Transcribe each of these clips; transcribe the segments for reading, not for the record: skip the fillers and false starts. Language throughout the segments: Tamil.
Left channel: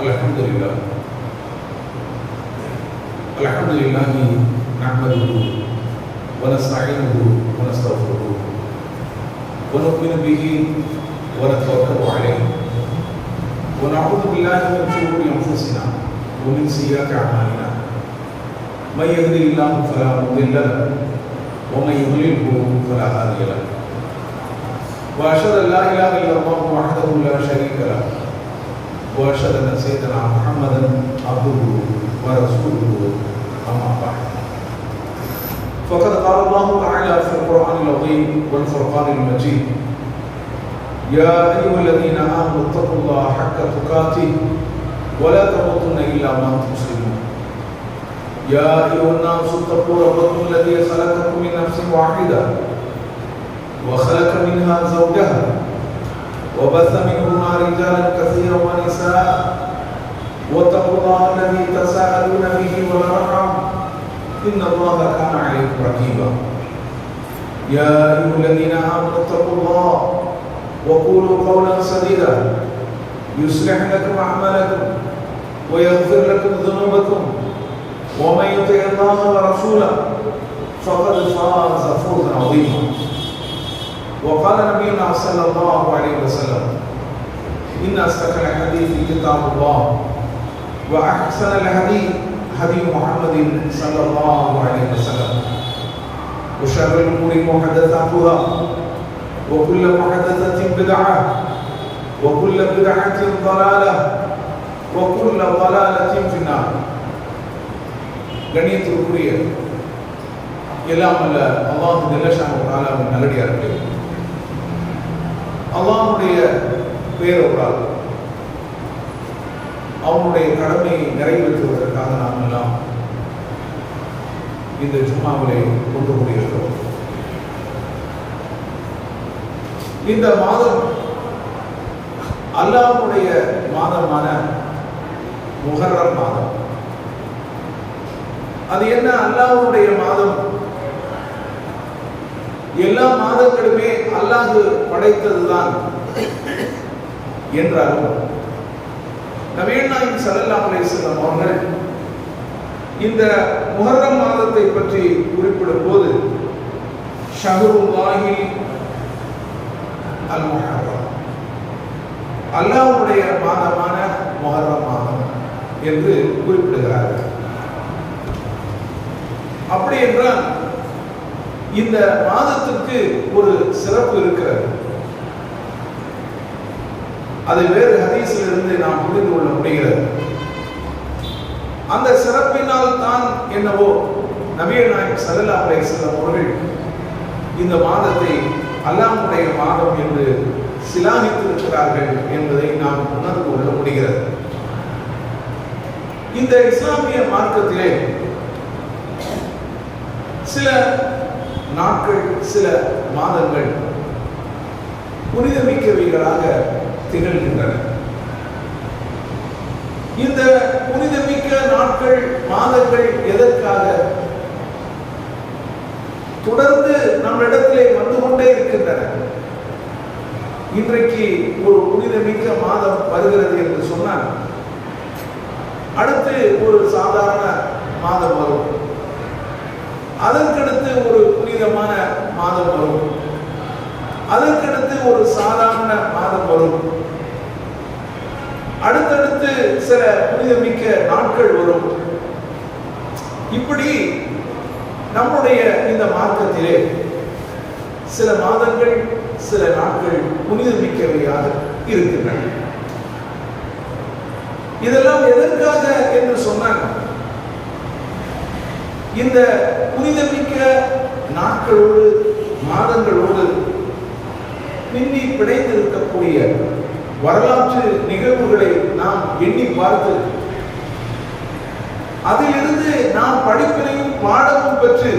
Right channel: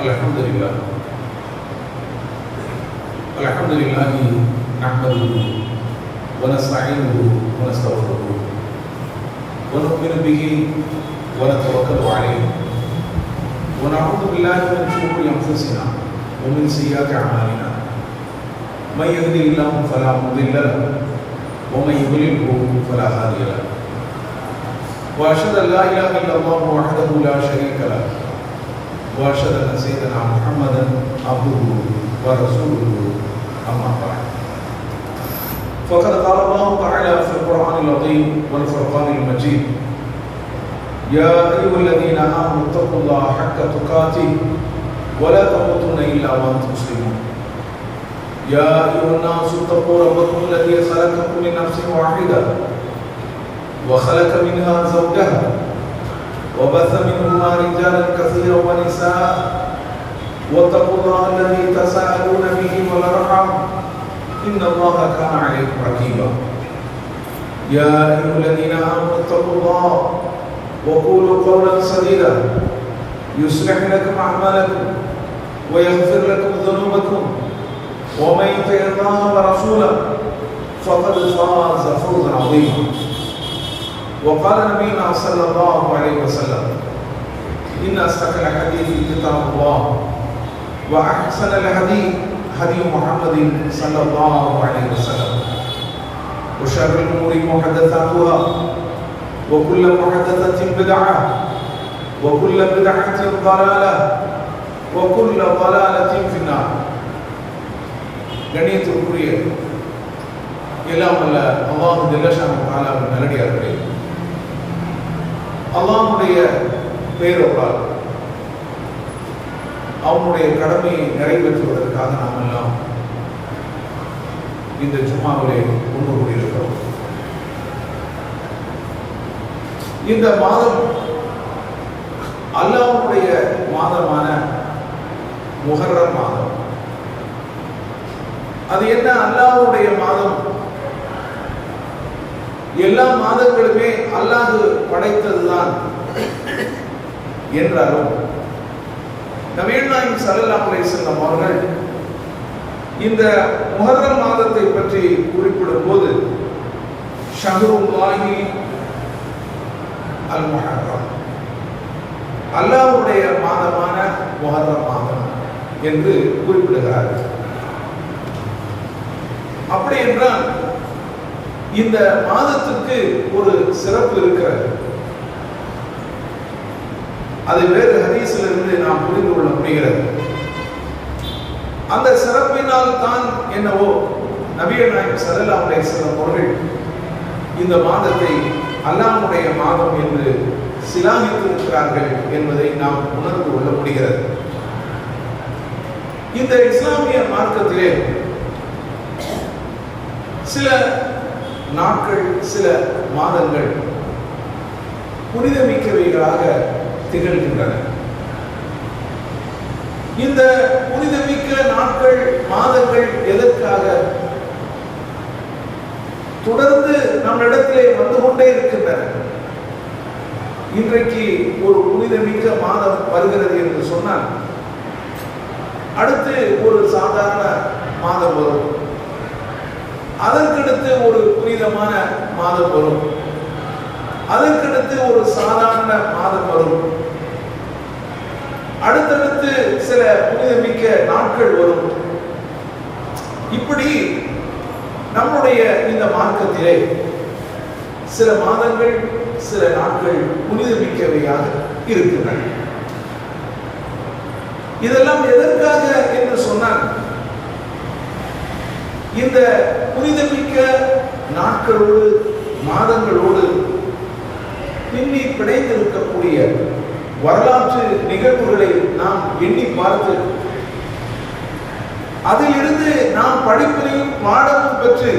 Alhamdulillah. Alhamdulillah nahmaduhu wa nasta'inuhu wa nastaghfiruhu wa nu'minu bihi wa natawakkalu alayhi wa na'udhu billahi min shururi anfusina wa min sayyiati a'malina. Man yahdihillahu fala mudilla lahu wa man yudlilhu fala hadiya lahu. Wa ashhadu an la ilaha illallah wahdahu la sharika lahu wa ashhadu anna sayyidina Muhammadan abduhu wa rasuluhu. أما بعد فقد قال الله تعالى في القرآن العظيم والفرقان المجيد: يا أيها الذين آمنوا اتقوا الله حق تقاته ولا تموتن إلا وأنتم مسلمون. يا أيها الناس اتقوا ربكم الذي خلقكم من نفس واحدة وخلق منها زوجها وبث منهما رجالا كثيرا ونساء واتقوا الله الذي تساءلون به والأرحام إن الله كان عليكم رقيبا. يا أيها الذين آمنوا اتقوا الله وقولوا قولا سديدا يصلح لكم أعمالكم ويغفر لكم ذنوبكم ومن يطع الله ورسوله فقد فاز فوزا عظيما. وقال نبينا صلى الله عليه وسلم: إن أصدق الحديث كتاب الله وأحسن الهدي هدي محمد صلى الله عليه وسلم وشر الأمور محدثاتها وكل محدثة بدعة وكل بدعة ضلالة وكل ضلالة في النار. கண்ணியத்திற்குரிய எல்லாம் அல்ல அல்லாஹ் ஜல்லஷானஹு தஆலாவின் நல்லடியார்களே, அல்லாஹ்வுடைய பேரருளால் அவனுடைய கடமையை நிறைவேற்றுவதற்காக நாம் எல்லாம் இந்த ஜும்மாவிலே கொண்டு கூடியிருக்கிறோம். இந்த மாதம் அல்லாஹ்வுடைய மாதமான முஹர்ரம் மாதம். அது என்ன அல்லாஹ்வுடைய மாதம்? எல்லா மாதங்களுமே அல்லாஹ் படைத்ததுதான் என்றாலும் நபிகள் நாயகம் ஸல்லல்லாஹு அலைஹி வஸல்லம் அவர்கள் இந்த முஹர்ரம் மாதத்தை பற்றி குறிப்பிடும் போது ஷஹ்ருல்லாஹி அல் முஹர்ரம், அல்லாஹ்வுடைய மாதமான முஹர்ரம் மாதம் என்று குறிப்பிடுகிறார்கள். அப்படி என்றால் இந்த மாதத்திற்கு ஒரு சிறப்பு இருக்கிறது. அதை வேறு ஹதீஸிலிருந்து நாம் புரிந்து கொள்ள முடிகிறது. அந்த சிறப்பினால் தான் என்னவோ நபிகள் நாயகம் ஸல்லல்லாஹு அலைஹி வஸல்லம் அவர்கள் இந்த மாதத்தை அல்லாஹ்வுடைய மாதம் என்று சிலாகித்திருக்கிறார்கள் என்பதை நாம் உணர்ந்து கொள்ள முடிகிறது. இந்த இஸ்லாமிய மார்க்கத்திலே சில நாட்கள், சில மாதங்கள் புனிதமிக்கவைகளாக திகழ்கின்றன. இந்த புனிதமிக்க நாட்கள், மாதங்கள் எதற்காக தொடர்ந்து நம்மிடத்திலே வந்து கொண்டே இருக்கின்றன? இன்றைக்கு ஒரு புனிதமிக்க மாதம் வருகிறது என்று சொன்னால் அடுத்து ஒரு சாதாரண மாதம் வரும், அதற்கடுத்து ஒரு புனிதமான மாதம் வரும், அதற்கடுத்து ஒரு சாதாரண மாதம் வரும், அடுத்தடுத்து சில புனிதமிக்க நாட்கள் வரும். இப்படி நம்முடைய இந்த மார்க்கத்திலே சில மாதங்கள், சில நாட்கள் புனிதமிக்கவையாக இருக்கின்றன. இதெல்லாம் எதற்காக என்று சொன்னால், இந்த புனிதமிக்க நாட்களோடு, மாதங்களோடு பின்னி பிணைந்திருக்கக்கூடிய வரலாற்று நிகழ்வுகளை நாம் எண்ணி பார்த்து அதிலிருந்து நாம் படிப்பினையும் பாடமும் பெற்று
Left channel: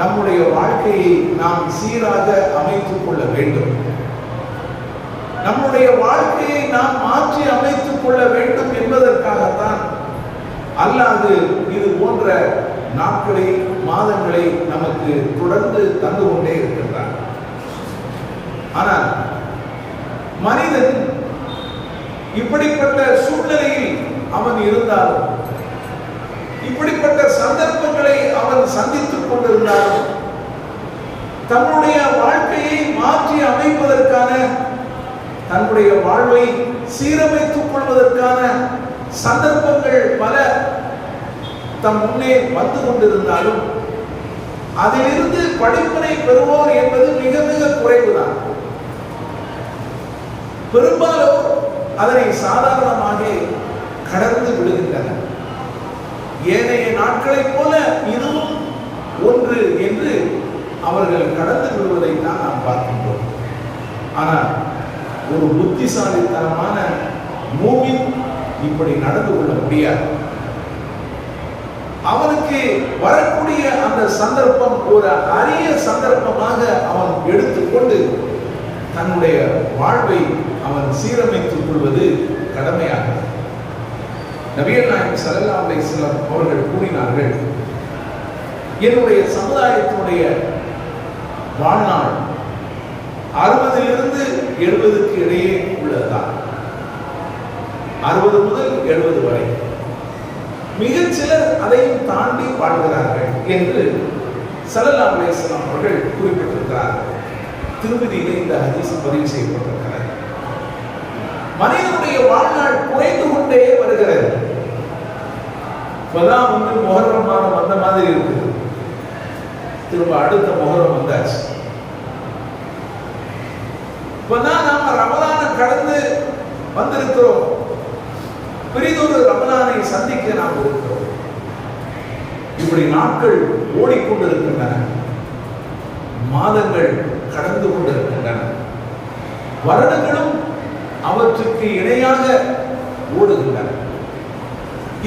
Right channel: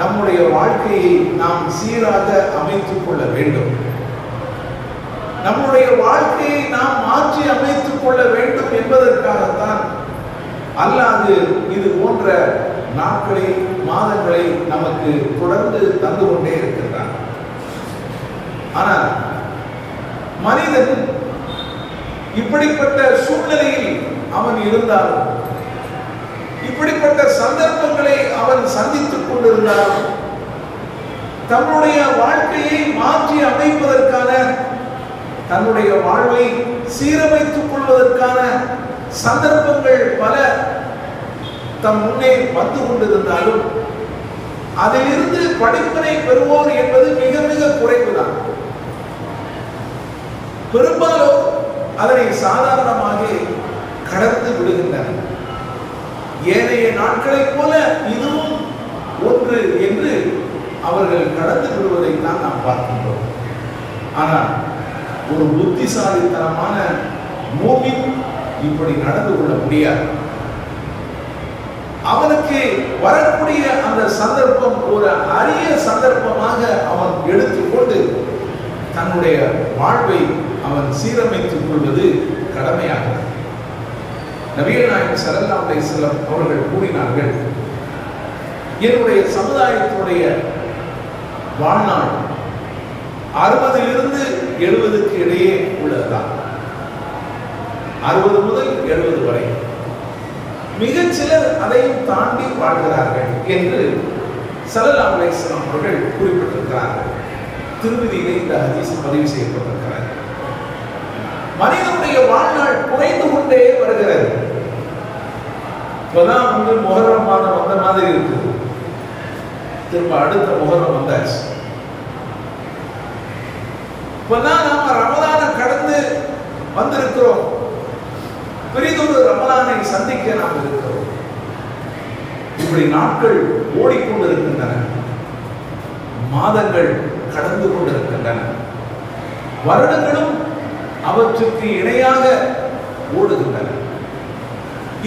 நம்முடைய வாழ்க்கையை நாம் சீராக அமைத்துக் கொள்ள வேண்டும். நம்முடைய வாழ்க்கையை நாம் மாற்றி அமைத்துக் கொள்ள வேண்டும் என்பதற்காகத்தான் அல்லாஹ் இது போன்ற நாட்களை, மாதங்களை நமக்கு தொடர்ந்து தந்து கொண்டே இருக்கின்றான். ஆனால் மனிதன் இப்படிப்பட்ட சூழ்நிலையில் அவன் இருந்தாலும், இப்படிப்பட்ட சந்தர்ப்பங்களை அவன் சந்தித்துக் கொண்டிருந்தாலும், தன்னுடைய வாழ்க்கையை மாற்றி அமைப்பதற்கான, தன்னுடைய வாழ்வை சீரமைத்துக் கொள்வதற்கான சந்தர்ப்பங்கள் பல தம் முன்னே வந்து கொண்டிருந்தாலும் அதிலிருந்து படிப்பினை பெறுவோர் என்பது மிக மிக குறைவுதான். பெரும்பாலும் அதனை சாதாரணமாக கடந்து விடுகின்றனர். ஏனைய நாட்களைப் போல இதுவும் ஒன்று என்று அவர்கள் கடந்து விடுவதைத்தான் நாம் பார்க்கின்றோம். ஆனால் ஒரு புத்திசாலித்தனமான மூமின் இப்படி நடந்து கொள்ள முடியாது. அவனுக்கு வரக்கூடிய அந்த சந்தர்ப்பம் ஒரு அரிய சந்தர்ப்பமாக அவன் எடுத்துக்கொண்டு தன்னுடைய வாழ்வை அவன் சீரமைத்துக் கொள்வது கடமையாகும். நபிகள் நாயகம் ஸல்லல்லாஹு அலைஹி வஸல்லம் அவர்கள் கூறினார்கள், என்னுடைய சமுதாயத்தினுடைய வாழ்நாள் 60 70 இடையே உள்ளதுதான். 60 முதல் 70 வரை. மிகச் சிலர் அதையும் தாண்டி வாழ்கிறார்கள் என்று ஸல்லல்லாஹு அலைஹி வஸல்லம் அவர்கள் குறிப்பிட்டிருக்கிறார்கள். திருமதியிலே இந்த ஹதீஸ் பதிவு செய்யப்பட்டிருக்கிறது. மனிதனுடைய வாழ்நாள் குறைந்து கொண்டே வருகிறது. இப்பதான் முஹர்ரம் மாதம் வந்த மாதிரி இருக்குது. திரும்ப அடுத்த முஹர்ரம் வந்தாச்சு. இப்பதான் நாம ரமலான கடந்து வந்திருக்கிறோம். பெரிதொரு ரமலானை சந்திக்க நாம் இருக்கிறோம். இப்படி நாட்கள் ஓடிக்கொண்டிருக்கின்றன, மாதங்கள் கடந்து கொண்டிருக்கின்றன, வருடங்களும் அவற்றுக்கு இணையாக ஓடுகின்றன.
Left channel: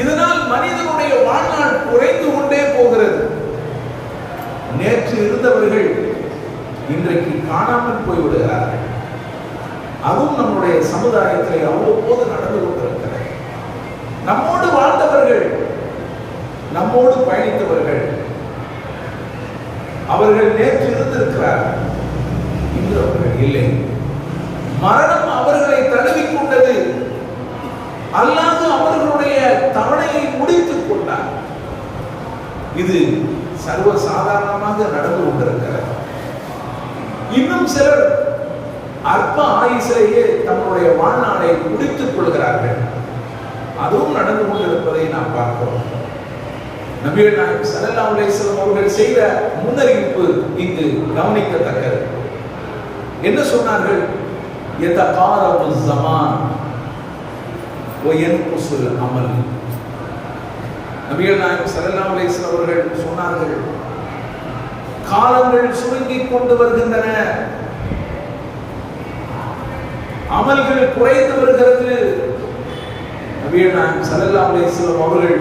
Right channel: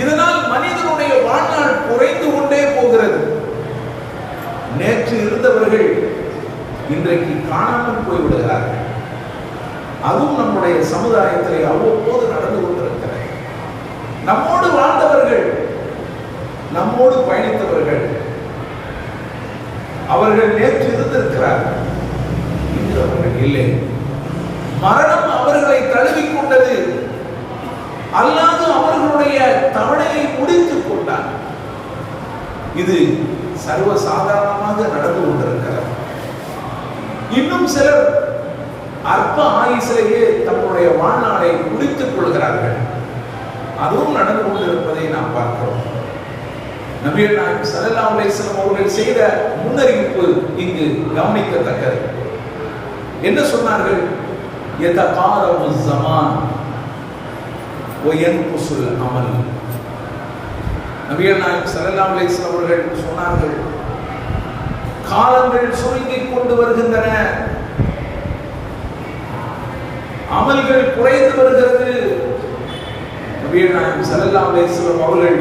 இதனால் மனிதனுடைய வாழ்நாள் குறைந்து கொண்டே போகிறது. நேற்று இருந்தவர்கள் இன்றைக்கு காணாமல் போய்விடுகிறார்கள். அதுவும் நம்முடைய சமுதாயத்திலே அவ்வப்போது நடந்து கொண்டிருக்கிறது. நம்மோடு வாழ்ந்தவர்கள், நம்மோடு பயணித்தவர்கள், அவர்கள் நேற்று இருந்திருக்கிறார்கள், இன்று அவர்கள் இல்லை. மரணம் அவர்களை தழுவிக்கொண்டது, அல்லாது அவர்களுடைய தவணையை முடித்துக் கொண்டார். இது சர்வ சாதாரணமாக நடந்து கொண்டிருக்கிறது. இன்னும் சிலர் அற்ப ஆயுசிலேயே தங்களுடைய வாழ்நாளை முடித்துக் கொள்கிறார்கள். அதுவும் நடந்து கொண்டிருப்பதை நாம் பார்க்கிறோம். நபிகள் நாயகம் ஸல்லல்லாஹு அலைஹி வஸல்லம் அவர்கள் செய்த முன்னறிவிப்பு இங்கு கவனிக்கத்தக்கது. என்ன சொன்னார்கள்? யதகாரபு ஸமான் வ யன்குசுல் அமல். நபிகள் நாயகம் ஸல்லல்லாஹு அலைஹி வஸல்லம் அவர்கள் சொன்னார்கள், காலங்கள் சுருங்கிக் கொண்டு வருகின்றன, அமல்கள் குறைந்து வருகிறது. நபிகள் நாயகம் ஸல்லல்லாஹு அலைஹி வஸல்லம் அவர்கள்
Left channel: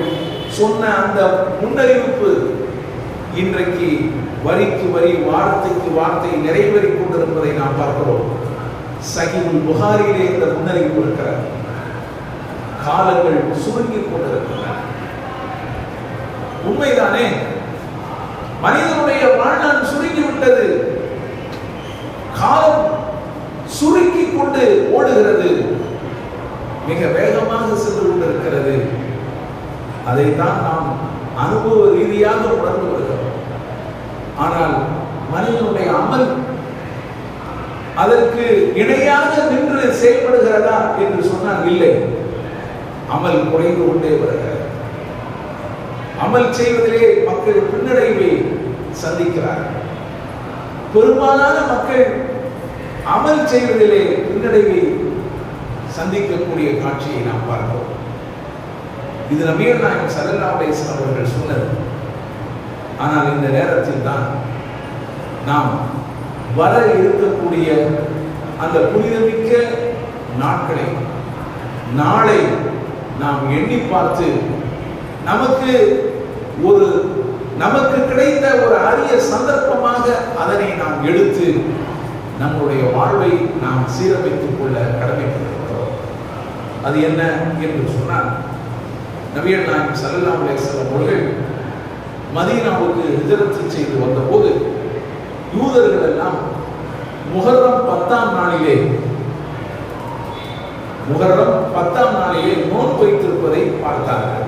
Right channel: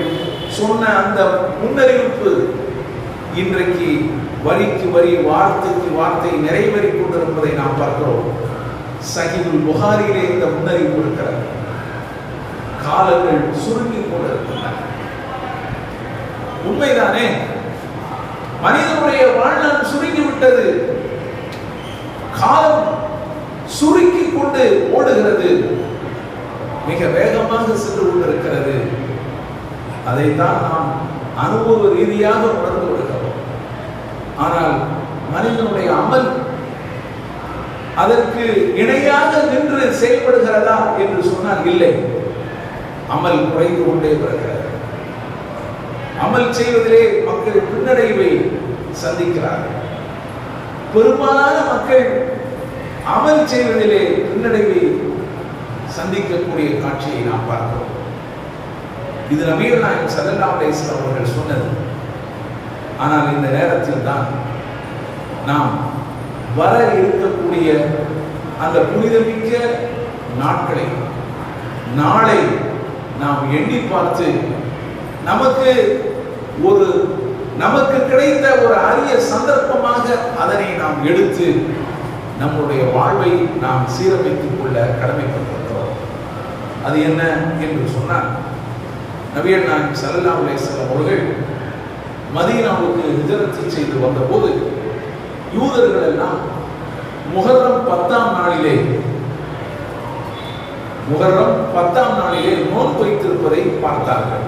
சொன்ன அந்த முன்னறிவிப்பு இன்றைக்கு வரிக்கு வரி, வார்த்தைக்கு வார்த்தை நிறைவேறிக் கொண்டிருப்பதை நாம் பார்க்கிறோம். சஹீஹுல் புகாரியிலே இந்த முன்னறிவிப்பு இருக்கிறது. காலங்கள் சுருங்கிக் கொண்டிருக்கின்றன. உண்மைதானே? மனிதனுடைய வாழ்நாள் சுருங்கிவிட்டது. காலம் சுருக்கிக் கொண்டு ஓடுகிறது, மிக வேகமாக சென்று கொண்டிருக்கிறது. அதைத்தான் நாம் அனுபவ ரீதியாக உணர்ந்து வருகிறோம். ஆனால் மனிதனுடைய அமல் அதற்கு இணையாக நின்று செயல்படுகிறதா என்று சொன்னால் இல்லை. அமல் குறைந்து கொண்டே வருகிறது. அமல் செய்வதிலே மக்கள் பின்னடைவை சந்திக்கிறார்கள். பெரும்பாலான மக்கள் அமல் செய்வதிலே பின்னடைவை சந்திக்கக்கூடிய காட்சியை நாம் பார்க்கிறோம். இது நபிகள் நாயகம் ஸல்லல்லாஹு அலைஹி வஸல்லம் அவர்கள் சொன்னது. ஆனால் இந்த நேரத்தில் தான் நாம் வர இருக்கக்கூடிய அந்த புனிதமிக்க நாட்களை, நாளை நாம் எண்ணி பார்த்து நமக்கு கிடைத்த ஒரு அரிய சந்தர்ப்பமாக அதனை நாம் எடுத்து நம்முடைய வாழ்வை நாம் சீரமைத்துக் கொள்ள கடமைப்பட்டிருக்கிறோம். அது என்ன என்று சொன்னால், நபிகள் நாயகம் ஸல்லல்லாஹு அலைஹி வஸல்லம் அவர்கள் மதீனாவுக்கு ஹிஜ்ரத் செய்து வந்தபோது யூதர்கள் எல்லாம் முஹர்ரம் 10ஆம் நாளிலே முஹர்ரம் 10ஆம் நாளிலே நோன்பு வைத்திருப்பதை பார்த்தார்கள்.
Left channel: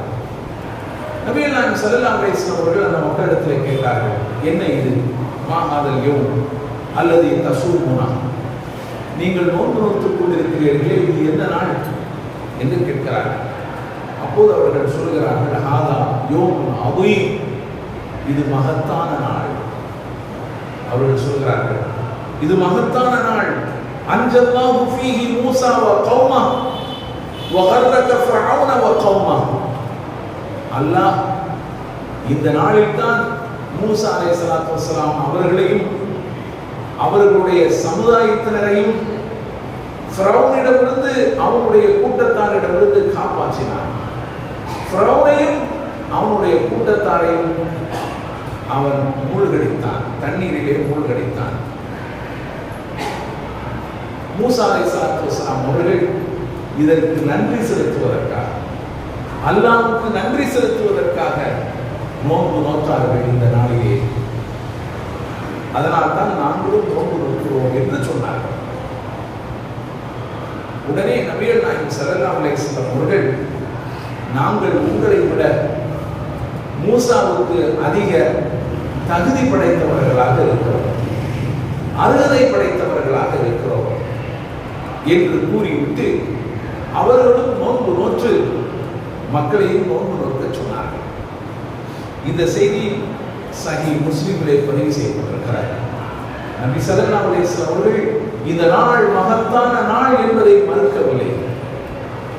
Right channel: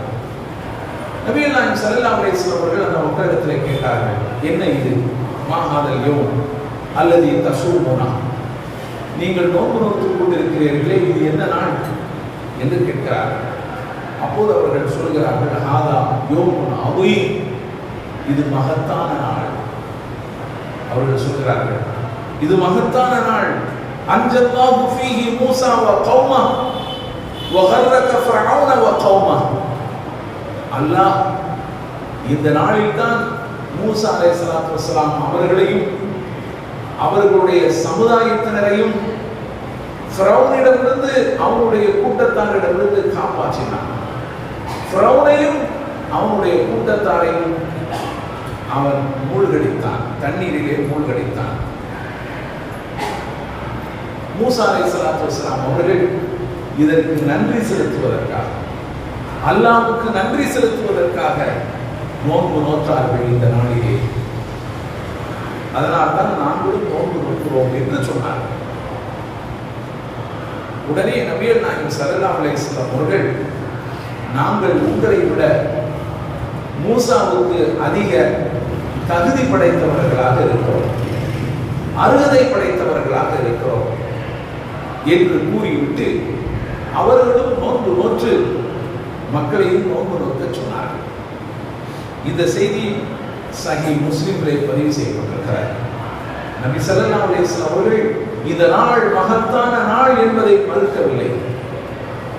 நபிகள் நாயகம் ஸல்லல்லாஹு அலைஹி வஸல்லம் அவர்கள் அந்த மக்களிடத்தில் கேட்டார்கள், என்ன இது? மா ஹாதல் யௌம் அல்லதி தஸூமுனா, நீங்கள் நோன்பு நோற்றுக் கொண்டிருக்கிறீர்களே, இது என்ன நாள் என்று கேட்கிறார்கள். அப்போது அவர்கள் சொல்கிறார்கள், ஹாதா யௌமுன் அதீம், இது மகத்தான நாள். அவர்கள் சொல்கிறார்கள், இது மகத்தான நாள். அன்ஜல்லாஹு ஃபீஹி மூஸா வ கௌமா வ கர்ரக ஃபிர்அவுன வ கௌமா. அல்லாஹ் இந்த நாளில் தான் மூஸா அலைஹிஸ்ஸலாத்து வஸ்ஸலாம் அவர்களையும் அவர்களுடைய சமுதாயத்தினரையும் ஃபிரௌனிடமிருந்து அவனுடைய கூட்டத்தாரிடமிருந்து காப்பாற்றினான். ஃபிரௌனையும் அவனுடைய கூட்டத்தாரையும் அவன் மூழ்கடித்தான், தண்ணீரிலே மூழ்கடித்தான். மூஸா அலைஹிஸ்ஸலாத்து வஸ்ஸலாம் அவர்கள் இதற்கு நன்றி செலுத்துவதற்காக, அல்லாஹ்வுக்கு நன்றி செலுத்துவதற்காக நோன்பு நோற்றார்கள் இந்த நாளிலே. அதனால் தான் நாங்களும் நோன்பு நோக்கிறோம் என்று சொன்னார்கள். உடனே நபிகள் நாயகம் ஸல்லல்லாஹு அலைஹி வஸல்லம் அவர்கள், நாங்கள் உங்களை விட மூசாவுக்கு அதிக தகுதி படைத்தவர்களாக இருக்கிறோம், அருகதை படைத்தவர்களாக இருக்கிறோம் என்று கூறிவிட்டு அவர்களும் நோன்பு நோற்று மக்களையும் நோன்பு நோக்க சொன்னார்கள். இந்த செய்தி சஹீஹ் முஸ்லிமிலே பதிவு செய்யப்பட்டிருக்கிறார். நபி ஸல்லல்லாஹு அலைஹி வஸல்லம் அவர்கள் இந்த நாள் மகத்தான நாள் என்பதை மறுக்கவில்லை,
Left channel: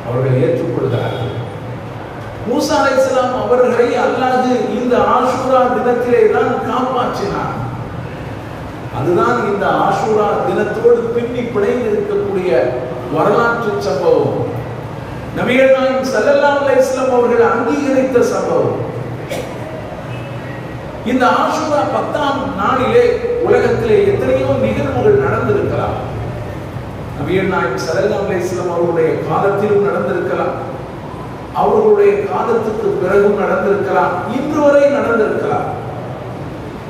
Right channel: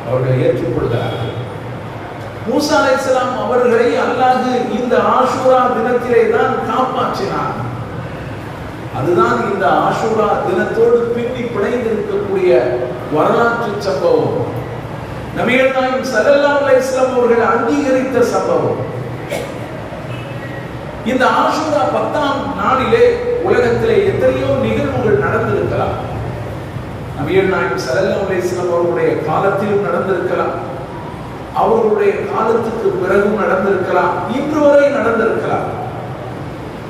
அவர்கள் ஏற்றுக்கொள்கிறார்கள். மூஸா அலைஹிஸ்ஸலாம் அவர்களை அல்லாஹ் இந்த ஆஷூரா தினத்திலே தான் காப்பாற்றினார். அதுதான் இந்த ஆஷூரா தினத்தோடு பின்னி பிணைந்திருக்கக்கூடிய வரலாற்று சம்பவம். நபிகள் நாயகம் ஸல்லல்லாஹு அலைஹி வஸல்லம் அவர்கள் அங்கீகரித்த சம்பவம். இந்த ஆஷூரா 10ஆம் நாளிலே உலகத்திலே எத்தனையோ நிகழ்வுகள் நடந்திருக்கலாம். நபிகள் நாயகம் ஸல்லல்லாஹு அலைஹி வஸல்லம் அவர்களுடைய காலத்திலும் நடந்திருக்கலாம், அவர்களுடைய காலத்துக்கு பிறகும் நடந்திருக்கலாம், இன்று வரை நடந்திருக்கலாம்.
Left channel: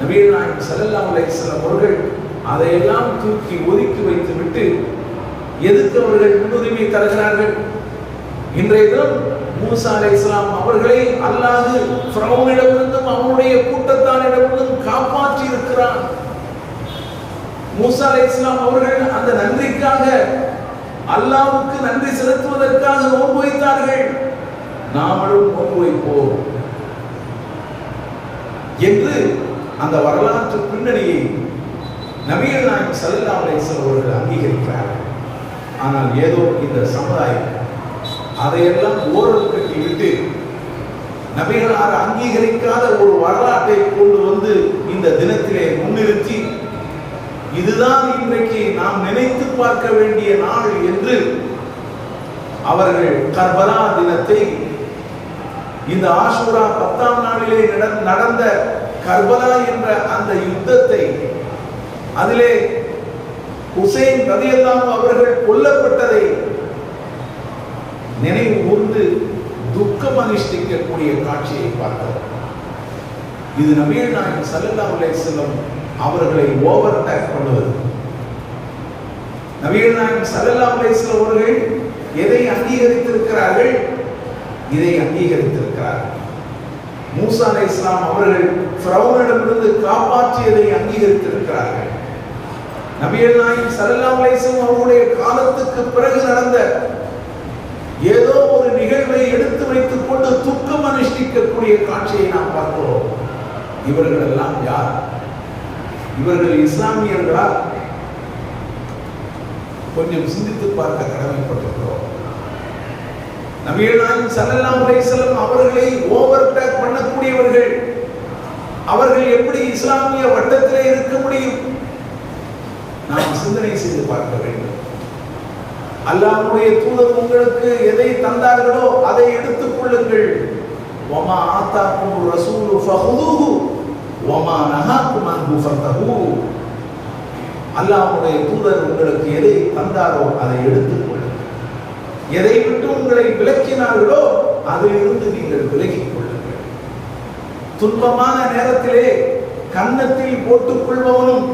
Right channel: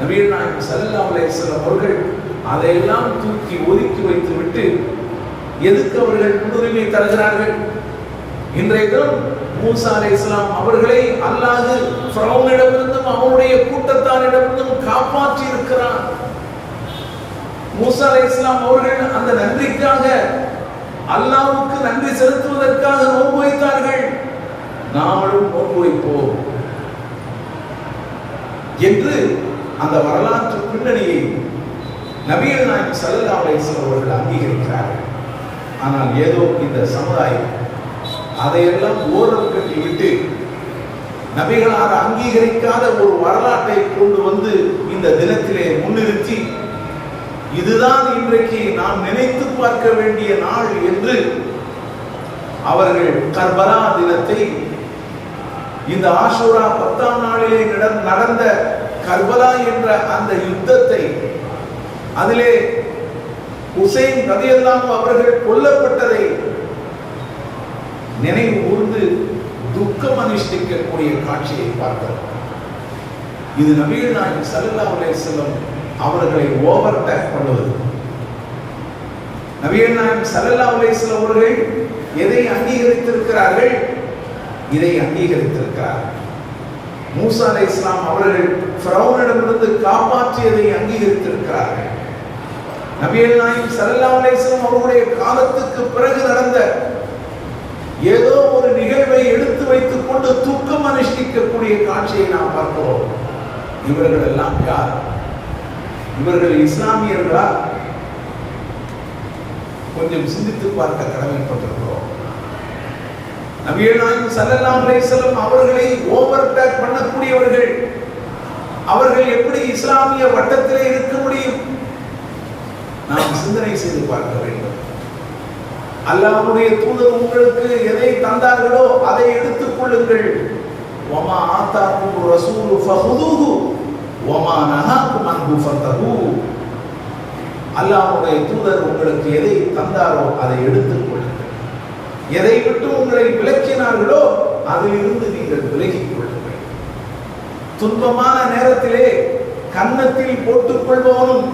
நபிகள் நாயகம் ஸல்லல்லாஹு அலைஹி வஸல்லம் அவர்கள் அதையெல்லாம் தூக்கி ஒதுக்கி வைத்துவிட்டு எதுக்கு அவர்கள் முன்னுரிமை தருகிறார்கள்? இன்றைய தினம் மூஸா அலைஹிஸ்ஸலாம் அவர்களை அல்லாஹ் ஃபிரௌனிடமிருந்தும் அவனுடைய கூட்டத்தாரிடமிருந்தும் காப்பாற்றி இருக்கிறான். மூஸா அலைஹிஸ்ஸலாம் அவர்கள் அந்த நன்றிக்காக, அல்லாஹ்வுக்கு நன்றி செலுத்துவதற்காக நோன்பு வைத்தார்கள். நாமளும் நோன்பு வைப்போம் என்று அந்த வரலாற்று பின்னணியை நபிகள் நாயகம் ஸல்லல்லாஹு அலைஹி வஸல்லம் அவர்கள் அங்கீகரிக்கிறார்கள். ஆனால் ஏதோ இந்த சமுதாயம் அதையெல்லாம் ஓரம் கட்டிவிட்டு நபிகளார் அங்கீகரிக்காத ஒரு வரலாற்றை கொண்டு வந்து இந்த தினத்திலே முன்னிறுத்தி, இதுதான் இன்றைக்கு நாம் நினைத்து பார்க்க வேண்டிய நாள் என்று அவர்கள் கர்பலா தினத்தை, இந்த ஆஷூரா 10ஆம் நாளிலே நடந்த கர்பலா என்ற அந்த யுத்தத்தை, அதிலே ஹுசைன் ரலியல்லாஹு அவர்கள் கொல்லப்பட்டதை நினைவு கூர்ந்து துக்கம் அனுஷ்டிக்கக்கூடிய காட்சியை பார்த்தோம். இது நபிகள் நாயகம் ஸல்லல்லாஹு அலைஹி வஸல்லம் அவர்களை ஓவர்டேக் பண்ணுவது. நபிகள் நாயகம் ஸல்லல்லாஹு அலைஹி வஸல்லம் அவர்கள் எதை அங்கீகரித்திருக்கிறார்கள்? இதை அங்கீகரித்திருக்கிறார்கள். மூஸா அலைஹிஸ்ஸலாம் அவர்கள் ஃபிரௌனிடமிருந்து காப்பாற்றியதை அங்கீகரித்திருக்கிறார்கள். நபிகள் நாயகம் ஸல்லல்லாஹு அலைஹி வஸல்லம் அவருடைய காலத்துக்கு பிறகு நடந்த ஏதோ ஒரு நிகழ்வை எடுத்து வைத்துக் கொண்டு துக்கம் அனுஷ்டிக்கக்கூடிய காட்சியை நாம் பார்க்கிறோம். இவர்கள் எல்லாம் யார்? இவர்கள் இஸ்லாமியர்களா? கொஞ்சம் சிந்தித்து பார்க்க கடமைப்பட்டிருக்கிறோம். நபிகள் நாயகம் ஸல்லல்லாஹு அலைஹி வஸல்லம் அவர்களை ஓவர்டேக் பண்ணக்கூடியவர்கள், அவர்கள் எப்படி இஸ்லாமிய வட்டத்திலே இருக்க முடியும்? நாம் சிந்தனை செய்து பார்க்க வேண்டும். அல்லாஹ்வுடைய தூதர் உங்களுக்கு எதை தந்தார்களோ அதை எடுத்துக் கொள்ளுங்கள். வமா ஆதாக்கும் ரசூலு ஃபஹுதுஹு வமா நஹாக்கும் அன்ஹு ஃபதஹு. அல்லாஹ்வுடைய தூதர் உங்களுக்கு எதை தந்தாரோ அதை எடுத்துக் கொள்ளுங்கள். எதை விட்டு உங்களை விலக்கினார்களோ அதிலிருந்து நீங்கள் விலகிக் கொள்ளுங்கள். துன்பமான நேரத்திலே கன்னத்தில் போட்டுக் கொள்பவனும்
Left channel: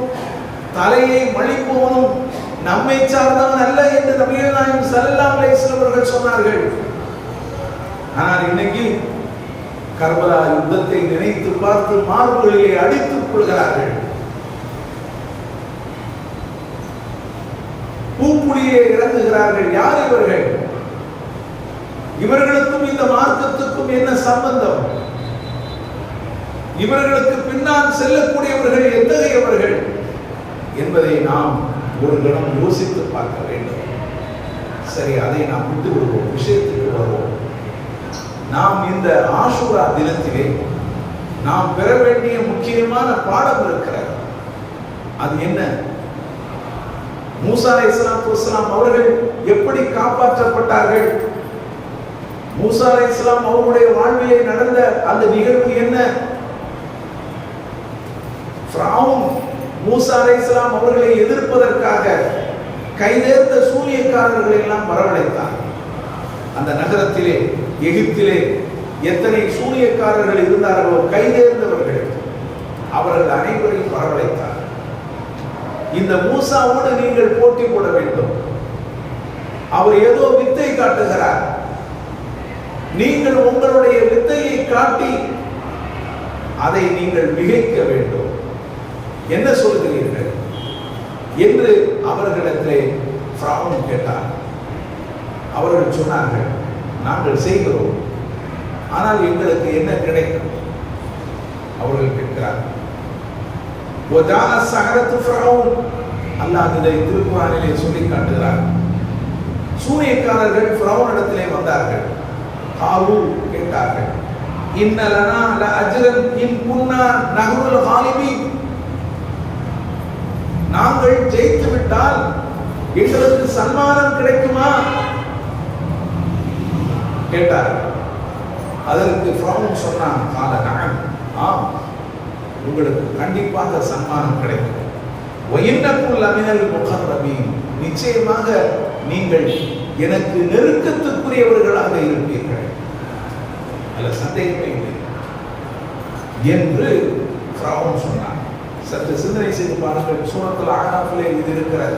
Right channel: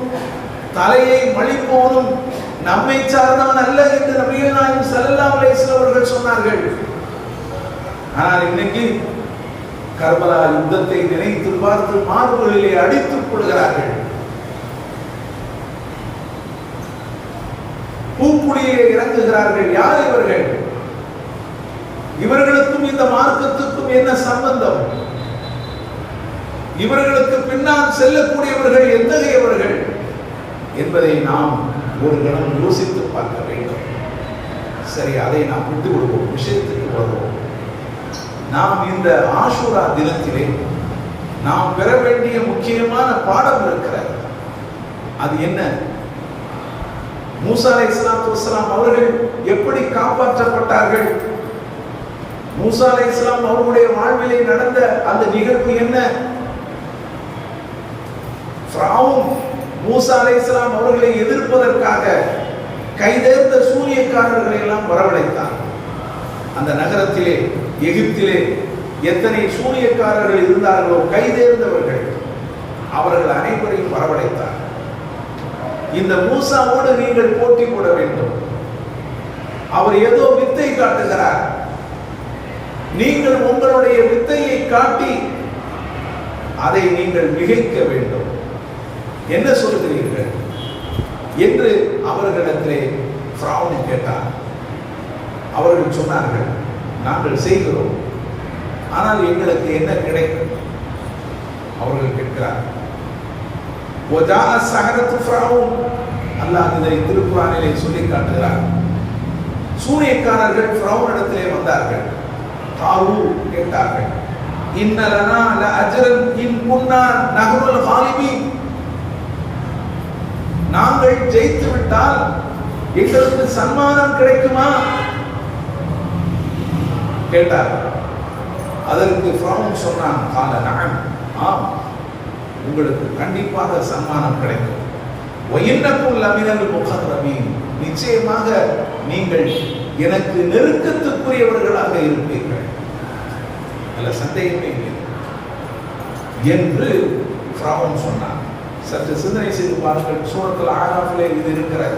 தலையை மழிப்பவனும் நம்மை சார்ந்தவன் அல்ல என்று நபிகள் நாயகம் ஸல்லல்லாஹு அலைஹி வஸல்லம் அவர்கள் சொன்னார்கள். ஆனால் இன்னைக்கு கர்பலா யுத்தத்தை நினைத்து பார்த்து மார்புகளிலே அடித்துக் கொள்கிறார்கள். பூக்குழியிலே இறங்குகிறார்கள். யார் இவர்கள்? இவர்களுக்கும் இந்த மார்க்கத்துக்கும் என்ன சம்பந்தம்? இவர்களுக்கு பின்னால் செல்லக்கூடியவர்கள் எத்தகையவர்கள் என்பதை நாம் ஒரு கணம் யோசித்து பார்க்க வேண்டும். சரி, அதை நாம் விட்டு விடுவோம், விஷயத்துக்கு வருவோம். நாம் இந்த ஆஷூரா தினத்திலே நாம் பெற வேண்டிய முக்கியமான பாடம் இருக்கிறது. அது என்ன? மூசா அலைஹிஸ்ஸலாத்து வஸ்ஸலாம் அவர்கள் எப்படி காப்பாற்றப்பட்டார்கள்? மூசா அலைஹிஸ்ஸலாம் அவருடைய வாழ்விலே நடந்த அந்த நிகழ்வு என்ன? ஃபிரௌன் மூசா அலைஹிஸ்ஸலாம் அவர்களை எதிர்ப்பதற்காக கைதேர்ந்த சூனியக்காரர்களை எல்லாம் வரவழைத்தார். அந்த நகரத்திலே, எகிப்திலே எத்தனை சூனியக்காரர்கள் இருந்தார்களோ, கைதேர்ந்தவர்கள், அவர்கள் அனைவரையும் வரவழைத்தார். இந்த மூசாவோடு நீங்கள் போட்டி போட வேண்டும். அவர் ஏதோ வித்தை காட்டுகிறார். நீங்கள் உங்களுடைய வித்தையை காட்டி அதை நீங்கள் மிகைக்க வேண்டும். என்ன சொல்கிறீர்கள் என்று அவர்களிடத்திலே ஃபிரௌன் கேட்டார். அவர்கள் சொன்னார்கள், நாங்கள் செய்கிறோம், ஆனால் எங்களுக்கு என்ன கிடைக்கும்? அவர்கள் கேட்கிறார். வஜாஅ ஸஹரத்து ஃபிரௌன், அல்லாஹ் இதை திருக்குர்ஆனிலே சொல்லி காட்டுகிறார். சூனியக்காரர்கள் ஃபிரௌனிடத்திலே வந்தார்கள். காலு கேட்டார்கள், இன்ன லனா லஅஜ்ரன் இன் குன்னா நஹ்னுல் காலிபீன், நாங்கள் ஜெயித்து விட்டால் எங்களுக்கு சன்மானம் கிடைக்குமா கேட்டார்கள். அதற்கு ஃபிரௌன் சொன்னான், கால நஅம், ஆம், உங்களுக்கு கண்டிப்பாக சன்மானம் கிடைக்கும். வஇன்னகும் லமினல் முகர்ரபீன், நிச்சயமாக நீங்கள் எனக்கு நெருக்கத்துக்குரியவர்களாக இருப்பீர்கள், அல்ல சந்தேகமே இல்லை என்று ஃபிரௌன் சொன்னான். சற்று சிந்தனை செய்து பாருங்கள். சூரத்துல் ஆராஃபிலே இது இருக்கிறது.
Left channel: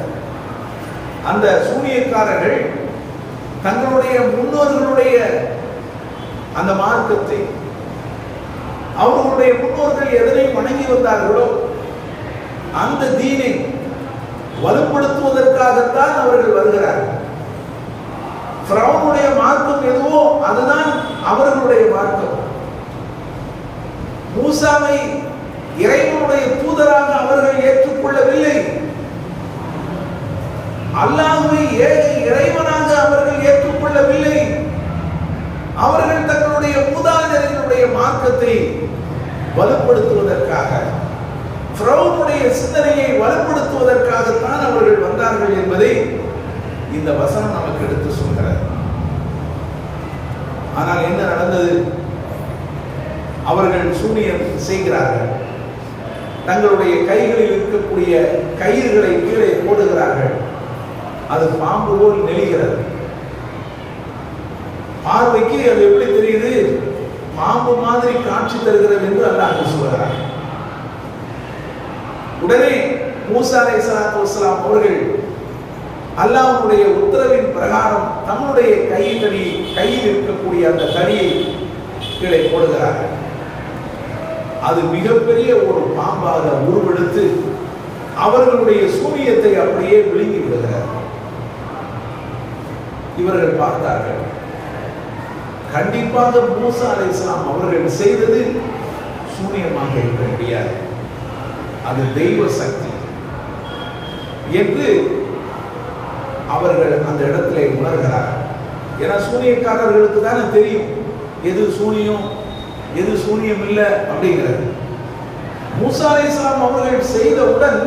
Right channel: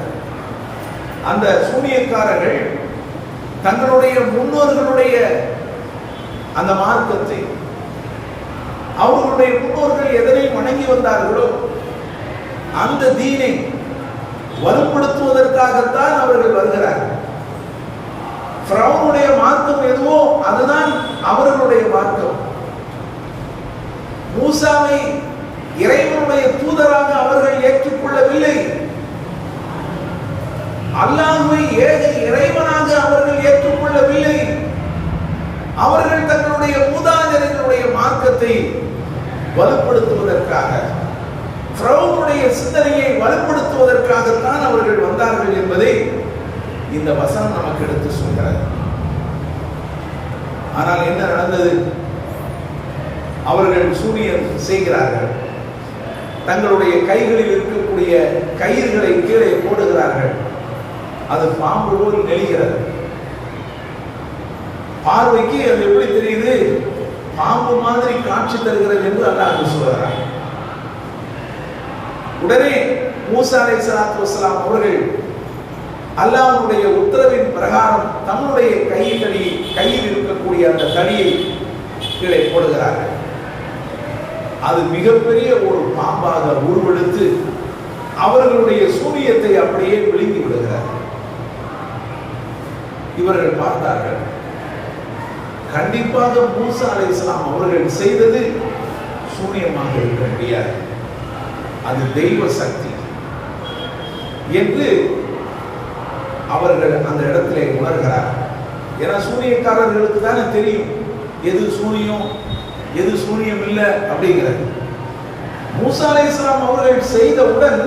அந்த சூனியக்காரர்கள் தங்களுடைய முன்னோர்களுடைய அந்த மார்க்கத்தை, அவர்களுடைய முன்னோர்கள் எதனை வணங்கி வந்தார்களோ அந்த தீனை வலுப்படுத்துவதற்காகத்தான் அவர்கள் வருகிறார்கள். ஃபிரௌனுடைய மார்க்கம் எதுவோ அதுதான் அவர்களுடைய மார்க்கம். மூசாவை இறைவனுடைய தூதராக அவர்கள் ஏற்றுக்கொள்ளவில்லை. அல்லாஹ்வை ஏக இறைவனாக அவர்கள் ஏற்றுக்கொள்ளவில்லை. அவர்கள் தங்களுடைய மூதாதையர்களுடைய மார்க்கத்தை வலுப்படுத்துவதற்காக, ஃபிரௌனுடைய சிந்தனையை வலுப்படுத்துவதற்காகத்தான் அவர்கள் வந்தார்கள் என்பதை இந்த வசனம் நமக்கு எடுத்து சொல்கிறது. ஆனால் என்ன நடந்தது? அவர்கள் சூனியம் செய்கிறார்கள். தங்களுடைய கைகளில் இருக்கக்கூடிய கயிறுகளை கீழே போடுகிறார்கள். அது பாம்பு போல் நெளிகிறது. பார்வைக்கு அது எப்படி தெரியுது? பாம்பு மாதிரி காட்சி தருகிறது என்று அல்லாஹ் சொல்கிறார். உடனே மூசா அலைஹிஸ்ஸலாத்து வஸ்ஸலாம் அவர்கள் அல்லாஹ்வுடைய உத்தரவின் பிரகாரம் தம்முடைய கையில் இருக்கக்கூடிய அந்த தடியை கீழே போடுகிறார்கள். அது மிகப்பெரிய ஒரு பாம்பாக உருவெடுத்து அவர்களுடைய சூனியத்தை அப்படியே விழுங்கி விடுகிறார். இவர்கள் பார்த்தார்கள், கண்டிப்பாக மூசா அலைஹிஸ்ஸலாம் அவர்கள் செய்தது சூனியமாக இருக்க முடியாது, அது தெய்வ சக்தி என்று அவர்கள் அந்த இடத்திலே உணர்கிறார். ஏன்னா சூனியக்காரர்களுக்கு தானே தெரியும் எது சூனியம் எது சூனியம் இல்லை அப்படிங்கிறது. மூசா அலைஹிஸ்ஸலாம் அவர்கள் செய்தவுடன்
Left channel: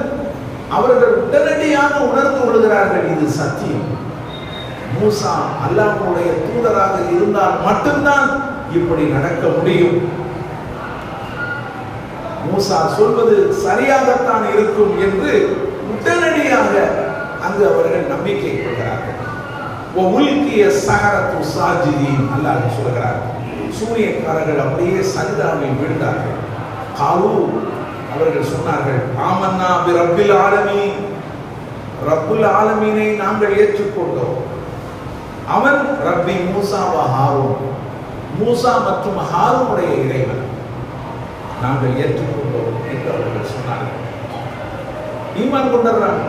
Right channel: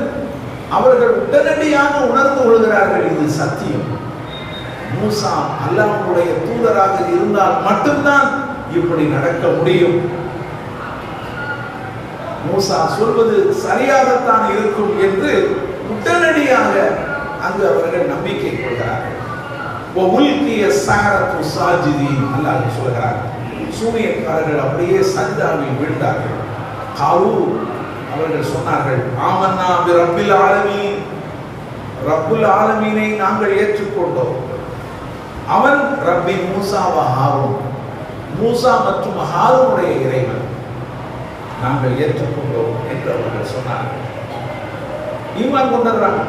அவர்கள் உடனடியாக உணர்ந்து கொள்கிறார்கள், இது சத்தியம். மூசா அல்லாஹ்வுடைய தூதராக இருந்தால் மட்டும்தான் இப்படி நடக்க முடியும். மூசா சொல்வது சரியாகத்தான் இருக்கும் என்று உடனடியாக அங்கு அவர்கள் நம்பிக்கை கொள்கிறார்கள். உல்கிய ஸஹரத்து சாஜிதீன், அல்லாஹ் சொல்கிறார், சூனியக்காரர்கள் அப்படியே சஜிதாவில் வீழ்ந்தார்கள். காலு, அவர்கள் சொன்னார்கள், ஆமன்னா பி ரப்பில் ஆலமீன், ரப்புல் ஆலமீனை நாங்கள் ஏற்றுக்கொண்டோம். அவன் ரப்பி மூசா வ ஹாரூன், மூசா மற்றும் ஹாரூனுடைய இறைவன் நாங்கள் ஏற்றுக்கொண்டோம் என்று அவர்கள் சொன்னார்கள். ஈமான் கொண்டாடுறாங்க.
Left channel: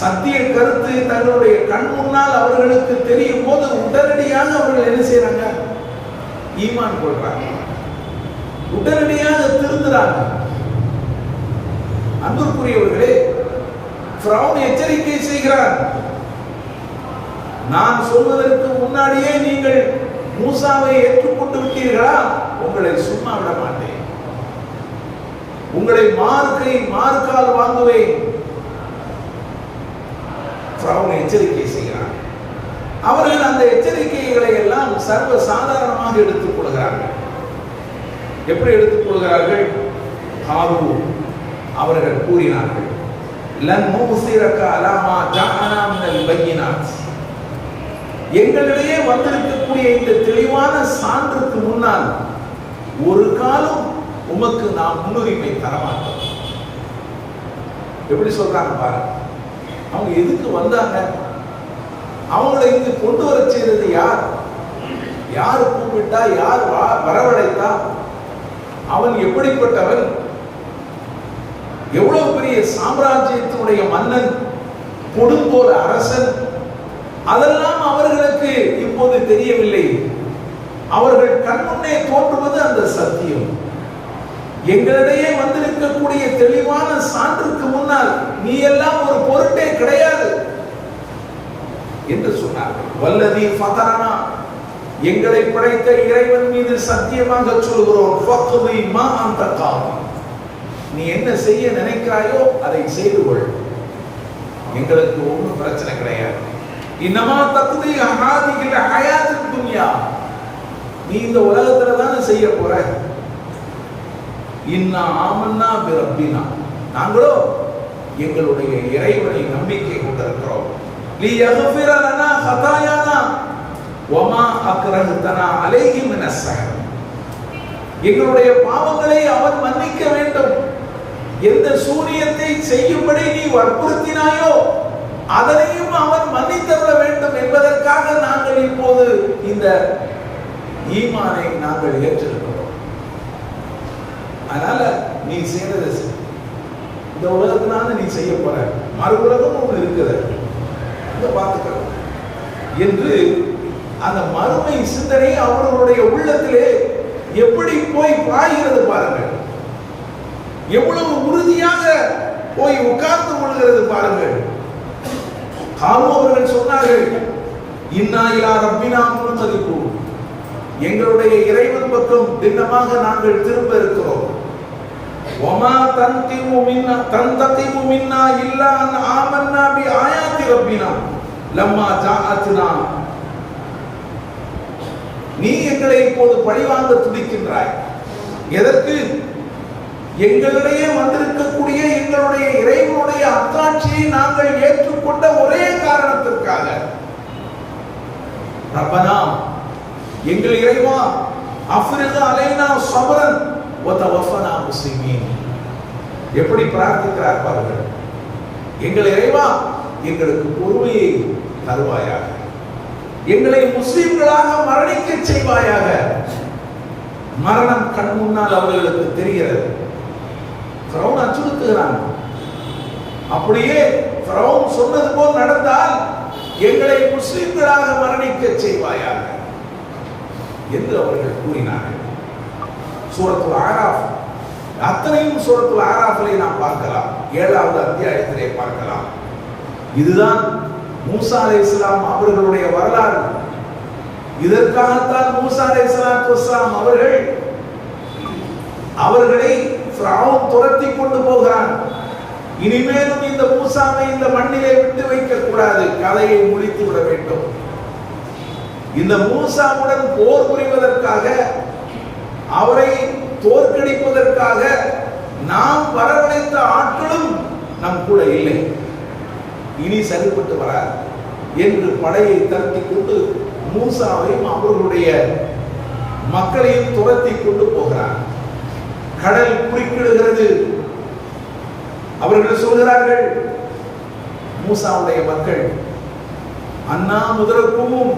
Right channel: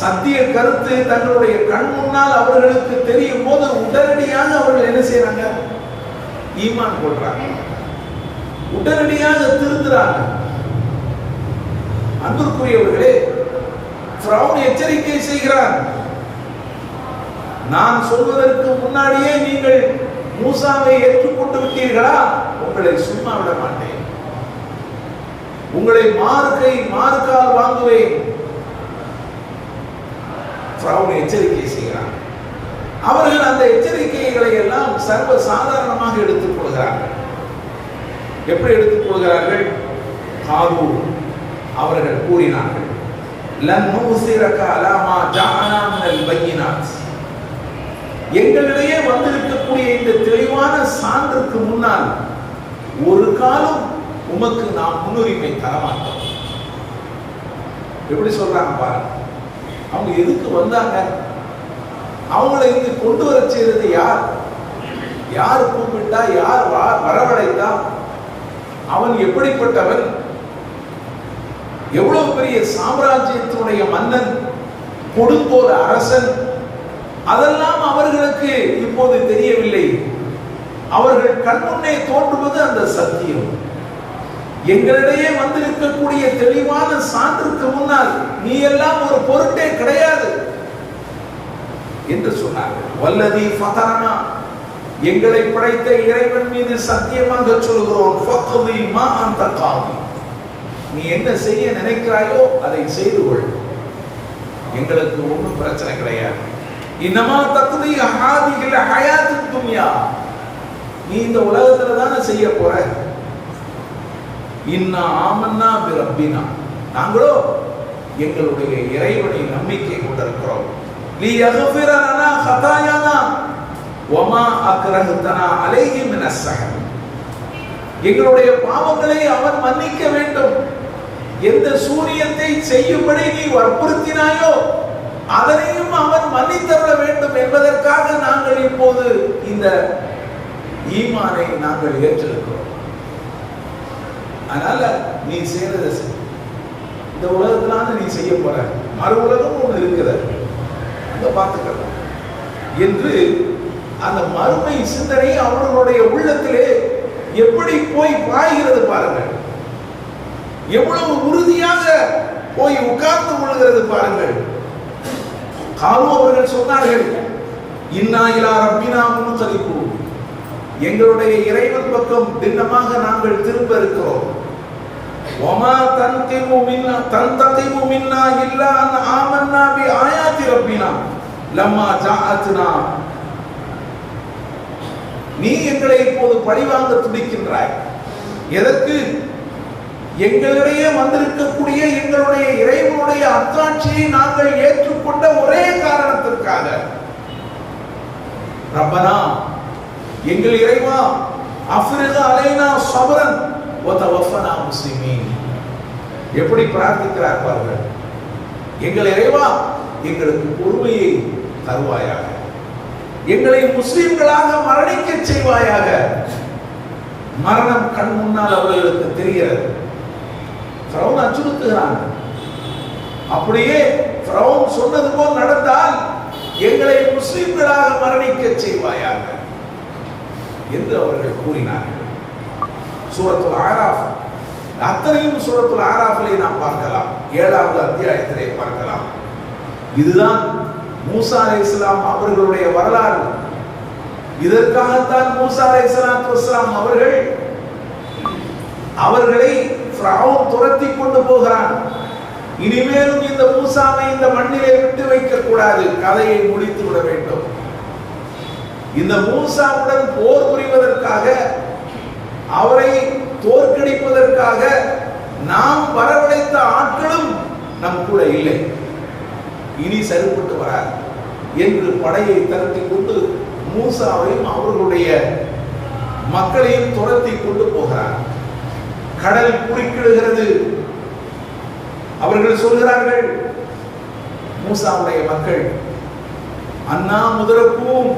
சத்திய கருத்து தங்களுடைய கண் முன்னால் அவர்களுக்கு தெரியும் போது உடனடியாக அவர்கள் என்ன செய்யறாங்க? ஈமான் கொள்றாங்க, உடனடியாக திருந்துறாங்க. அன்பிற்குரியவர்களே, ஃபிரௌன் எச்சரிக்கை செய்கிறார், நான் சொல்வதற்கு முன்னாடியே நீங்கள் மூசாவை ஏற்றுக்கொண்டு விட்டீர்களா, உங்களை சும்மா விட மாட்டேன், உங்களை மார்க்கால் வாங்குவேன். ஃபிரௌன் எச்சரிக்கை செய்கிறார். அவர்கள் அந்த எச்சரிக்கைகளை எல்லாம் சர்வ சாதாரணமாக எடுத்துக் கொள்கிறார்கள். எப்படி எடுத்துக் கொள்கிறார்கள்? காரூன் அவர்கள் கூறினார்கள், லன் நூஸிரக அலா மா ஜஅனா மினல் பையினாத், எங்களிடையே வந்திருக்கக்கூடிய இந்த தெளிவான சான்றுக்கு முன்னால் ஒரு காலம் உமக்கு நாம் முன்னுரிமை தரமாட்டோம். எப்படி சொல்றாங்க பாருங்க. அவங்க எதுக்கு வந்தாங்க? அவங்களை இங்கு கொண்டு வர செய்தது யார்? யார் கூப்பிட்டா? யார் வரவழைத்தா? அவன் எப்படிப்பட்டவன்? எவ்வளவு பெரிய சாம்ராஜ்யத்தினுடைய மன்னன், கொடுங்கோல் அரசன்? அதெல்லாம் அவர்களுக்கு இப்போது தெரியவில்லை. அவர்கள் கண்முன்னே தோன்றுவது அந்த சத்தியம். எங்களிடையே வந்திருக்கக்கூடிய தெளிவான சான்றுக்கு முன்னால் நீ எல்லாம் ஒரு பொருட்டே கிடையாது என்று சொன்னார்கள். வல்லதி ஃபதரனா, எங்களை படைத்த இறைவன் மீது சத்தியமாக சொல்கிறோம், ஃபக்தி மா அன்த காதி, நீ என்ன செய்ய நினைக்கிறாயோ அதை செய்து கொள், எங்களுக்கு ஒன்றும் பிரச்சனை கிடையாது. இன்னமா தக்தி ஹாதிஹில் ஹயாத்துத் துன்யா, நீ இந்த உலகத்துல தானே செய்ய போற. இன்னா ஆமன்னா பி ரப்பினா, நாங்களோ எங்களுடைய இறைவனை நம்பிக்கை கொண்டிருக்கிறோம். லியக்ஃபிர லனா ஹதாயானா வமா அக்ரஹ்தனா அலைஹி மினஸ் ஸஹர், எங்களுடைய பாவங்களை அவன் மன்னிக்க வேண்டும். எந்த சூனியத்தை செய்யும்படி நீ வற்புறுத்தினாயோ அதனையும் அவன் மன்னித்தவிட வேண்டும் என்பதற்காக நாங்கள் இப்போது இந்த ஈமானை நாங்கள் ஏற்றிருக்கிறோம். அதனால நீ செய்யறதை செய், இந்த உலகத்தினால நீ செய்ய போற, மறு உலகம் ஒன்று இருக்கிறது, இதை பார்த்துக்கலாம் என்று அந்த மறுமை சிந்தனை அவர்களுடைய உள்ளத்திலே எப்படி போய் பாய்கிறது பாருங்கள். எவ்வளவு உறுதியாக போய் உட்கார்ந்து கொள்கிறது பாருங்கள். காலு அவர்கள் சொன்னார்கள், இன்னா இலா ரப்பினா முன்கலிபு, எங்களுடைய இறைவன் பக்கம் திண்ணமாக நாங்கள் திரும்ப இருக்கிறோம். வமா தன்கிமு மின்னா இல்லா அன் ஆமன்னா பி ஆயாத்தி ரப்பினா லம்மா ஜாஅத்னா, நீ எங்களை இப்போது பழிவாங்க துடிக்கின்றாய். எதற்கு? எங்களிடையே வந்திருக்கக்கூடிய எங்களுடைய இறைவனுடைய அத்தாட்சியை நாங்கள் ஏற்றுக்கொண்ட ஒரே காரணத்திற்காக. ரப்பனா, எங்கள் இறைவா, அஃப்ரிக அலைனா ஸப்ரன் வ தவஃபனா முஸ்லிமீன், எப்படி பிரார்த்திக்கிறார் பாருங்கள். எங்கள் இறைவா, எங்களுக்கு பொறுமையை தருவாயாக, எங்களை முஸ்லிம்களாக மரணிக்க செய்வாயாக. மரணம் கண் முன்னால் அவர்களுக்கு தெரிகிறது. ஃபிரௌன் அச்சுறுத்துகிறான். அப்படியே ஃபிரௌன் சொன்னது போல் நடந்தால் எங்களை முஸ்லிம்களாக மரணிக்க செய்வாயாக என்று அவர்கள் கூறினார்கள். சூரத்துல் ஆராஃப், அத்தனையும் சூரத்துல் ஆராஃபிலே நாம் பார்க்கலாம், 7வது அத்தியாயத்திலே பார்க்கலாம். இதுதான் மூசா அலைஹிஸ்ஸலாம் அவர்களுடைய வரலாறு. இதற்காகத்தான் மூசா அலைஹிஸ்ஸலாத்து வஸ்ஸலாம் அவர்களை ஃபிரௌன் துரத்தி கொண்டு போகிறான். இனிமேலும் இந்த மூசாவை இந்த மண்ணிலே விட்டு வைக்க கூடாது, கதையை முடித்து விட வேண்டும். இந்த மூசாவுடன் போர் புரிவதற்காக, அவரை தோற்கடிப்பதற்காக நாம் வரவழைத்த ஆட்களும் நம் கூட இல்லை, இனி சரிப்பட்டு வராது என்று படையை தரத்தி கொண்டு மூசாவையும் அவர்களுடைய மக்களையும் துரத்தி கொண்டு போகிறார். கடல் குறுக்கிடுகிறது. அவர்கள் சொல்கிறார்கள், மூசாவுடைய மக்கள் அண்ணா முதறக்கும்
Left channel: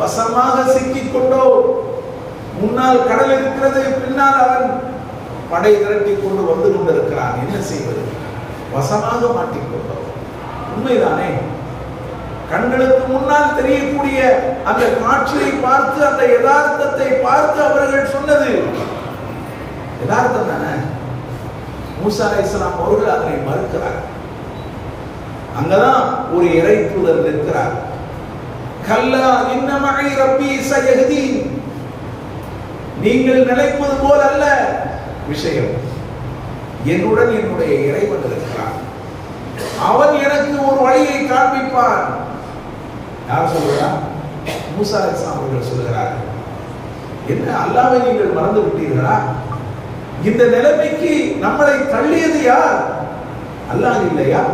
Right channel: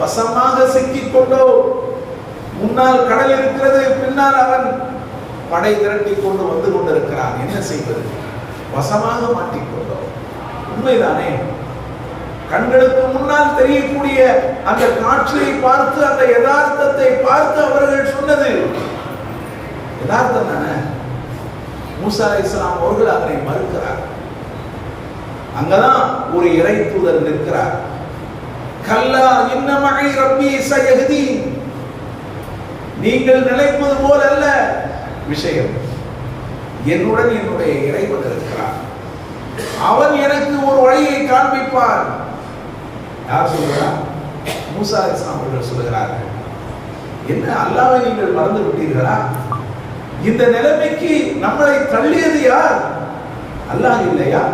வசமாக சிக்கிக்கொண்டோ, முன்னால் கடல் இருக்கிறது, பின்னால் அவன் படை திரட்டி கொண்டு வந்து கொண்டிருக்கிறான், என்ன செய்வது? வசமாக மாட்டிக்கொண்டோ. உண்மைதானே? கண்களுக்கு முன்னால் தெரியக்கூடிய அந்த காட்சியை பார்த்து, அந்த யதார்த்தத்தை பார்த்து அவர்கள் சொன்னது யதார்த்தம் தானே. மூசா அலைஹிஸ்ஸலாம் அவர்கள் அதனை மறுக்கிறார். அங்கதான் ஒரு இறை தூதர் நிற்கிறார். கல்லா இன்ன மஇ ரப்பி சயஹ்தீன். நீங்கள் நினைப்பது போல அல்ல விஷயம். என்னுடன் என்னுடைய இறைவன் இருக்கிறார், அவன் எனக்கு ஒரு வழியை காண்பிப்பான். யார் சொல்கிறார்? மூசா அலைஹிஸ்ஸலாம் அவர்கள் சொல்கிறார்கள். என்ன, அல்லாஹ்வை நீங்கள் மறந்து விட்டீர்களா? இந்த நிலைமைக்கு நம்மளை தள்ளியது யார்? அல்லாஹ் இல்லையா?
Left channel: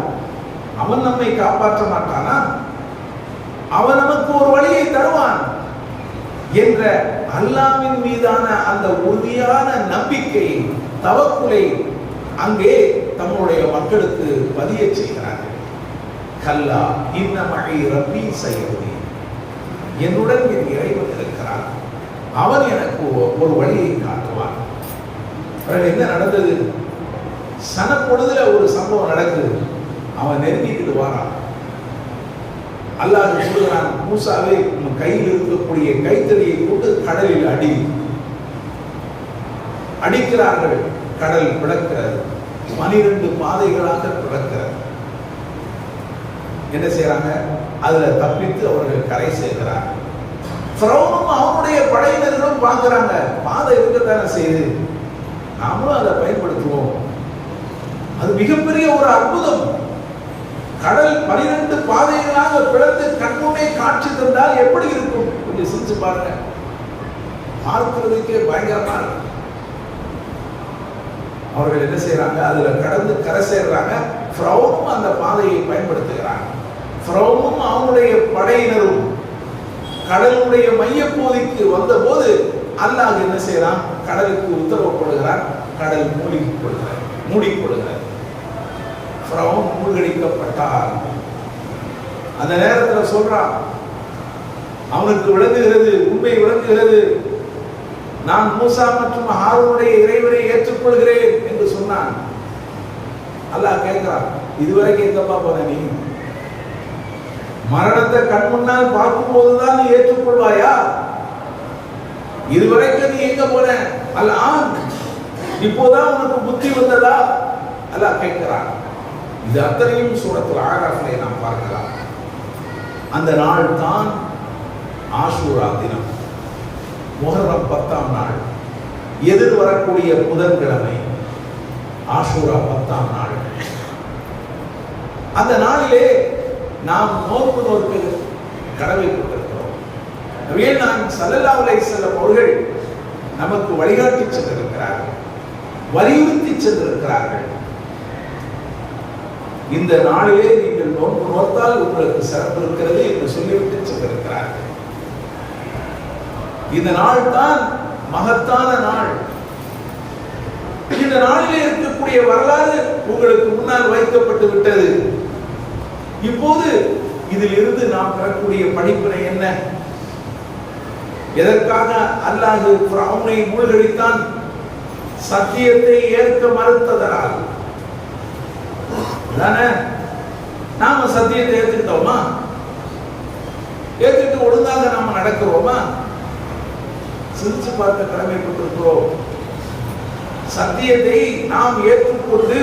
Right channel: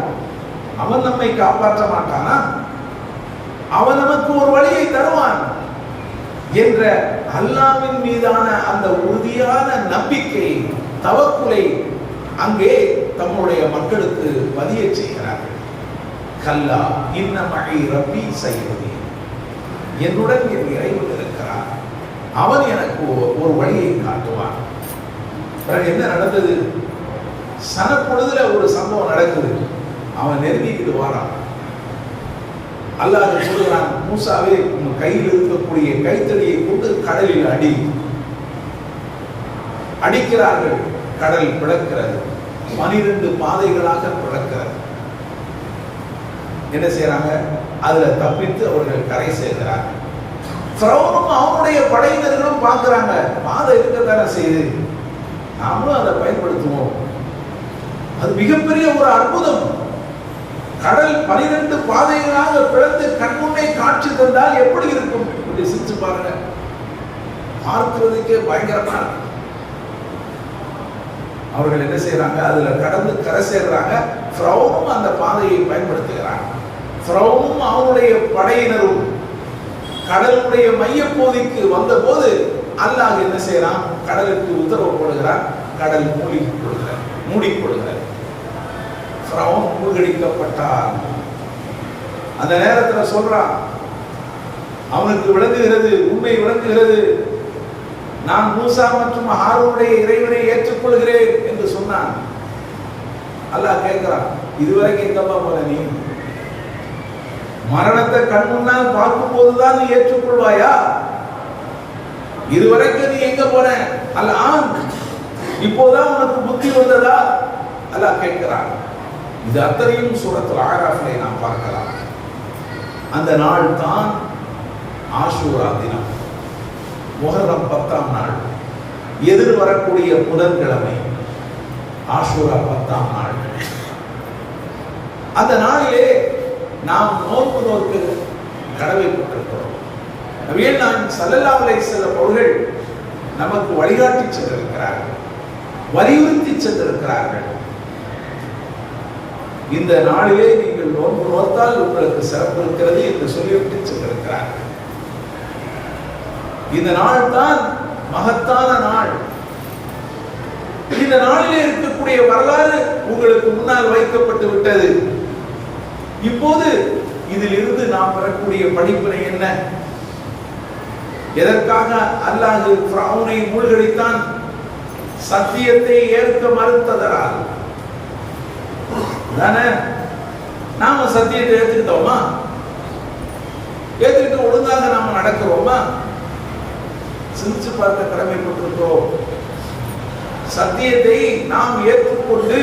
அவன் நம்மை காப்பாற்ற மாட்டானா? அவன் நமக்கு ஒரு வழியை தருவான் என்ற அல்லாஹ்வின் மீதான அந்த உறுதியான நம்பிக்கை, தவக்குலை அங்கே தம்முடைய மக்களுக்கு பதிய செய்கிறார்கள். கல்லா இன்ன மஇ ரப்பி சயஹ்தீன். என்னுடன் என் இறைவன் இருக்கிறான், அவன் எனக்கு ஒரு வழியை காட்டுவான். பிறகு என்ன நடந்தது? சனப்பொழுதுல ஒரு சம்பவம் நடக்குது. அவன் நெருங்கிக்கிட்டு வாரான். அல்லாஹ் சொல்கிறான், மூசாவே உன் கையில் இருக்கக்கூடிய கைத்தடியை கொண்டு கடலில் அடி. அடிக்கிறார்கள், கடல் பிளக்கிறது, 12 பாதைகளாக பிளக்கிறது. என்ன செய்யறாங்க? அதுல தப்பித்து அவர்கள் கரை சேர்க்கிறார். ஃபிரௌனும் அவனுடைய படையினர்களும் பார்க்கிறாங்க, பாதை இருக்கத்தானே செய்து, நாமளும் அதை பயன்படுத்துவோம். அது மிகப்பெரிய ஒரு அற்புதம். கடல் 12 பாதைகளாக பிளந்து கண்முன்னே காட்சி தந்தால் எப்படி இருக்கும்? கொஞ்சம் சிரிச்சு பாருங்க, பார்க்கிறதுக்கே பயங்கரமா இருக்கு. அவர்கள் என்ன செய்யறாங்க? அதுல கடந்து கரை சேர்றாங்க. ஃபிரௌனும் அந்த பாதையை பயன்படுத்துகிறான். ஃபிரௌனும் அவனுடைய படையினரும் கடலுடைய மையப்பகுதிக்கு வந்த போது அல்லாஹ் என்ன செய்யறான்? கடலுக்கு உத்தரவு போடுகிறான். கடல் மூடிக்கொள்கிறார். ஃபிரௌன் மூழ்கடிக்கப்பட்டார். அந்த நேரத்தில் சொல்றான், அவனுக்கு விளங்குகிறது, உண்மை விளங்குகிறது, நான் மூசா மற்றும் ஹாரூனுடைய இறைவனை ஏற்றுக்கொள்கிறேன் என்று சொன்னான். அல்லாஹ் கேட்கிறான், இதுவரை கேட்கப்பா போன நீ? மரணத்தை கண் முன்னால் பார்க்கும் போதுதான் நீ ஏற்றுக்கொள்வாயா? இதுவரைக்கும் நீ எங்க போன? அல்லாஹ் இப்போதான் உனக்கு புத்தி வந்ததா? அல்லாஹ் கேட்கிறான். இது அத்தனையும் சூரத்துல் ஆராஃபிலே நாம் பார்க்கலாம். அந்த நாள் தான் ஆஷூரா தினம், முஹர்ரம் 10ஆம் நாள், எதிர் வரக்கூடிய புதன்கிழமை, ஆஷூரா 10ஆம் நாள். அந்த நாளிலே நாம் நோன்பு நோக்க கடமைப்பட்டிருக்கிறோம். நபிகள் நாயகம் ஸல்லல்லாஹு அலைஹி வஸல்லம் அவர்கள் நமக்கு வழிகாட்டி சென்றிருக்கிறார்கள், வலியுறுத்தி சென்றிருக்கிறார்கள். இந்த நாளிலே நீங்கள் நோன்பு நோத்தால் உங்களுக்கு சிறப்பு இருக்கிறது என்று சொல்லிவிட்டு சென்றிருக்கிறார்கள். இந்த நாள் தான் மகத்தான நாள். இந்த நாளிலே இருக்கக்கூடிய வரலாறு உங்களுக்கு முன்னால் வைக்கப்பட்டு விட்டது. இப்போது இதில் இருந்து நாம் பெறக்கூடிய படிப்பினை என்ன? எதற்காக அல்லாஹ் ஃபிரௌனை மூழ்கடித்தான்? சத்தியத்தை ஏற்க மறுத்ததனால் தானே. நாம சத்தியத்தை ஏற்றுக்கிட்டோமா? ஏற்றுக்கிட்டு ஒழுங்காக நாம நடக்கிறோமா? சிந்திச்சு பார்க்க கடமைப்பட்டிருக்கிறோம். சத்தியத்தை நாம் ஏற்றுக்கொண்டு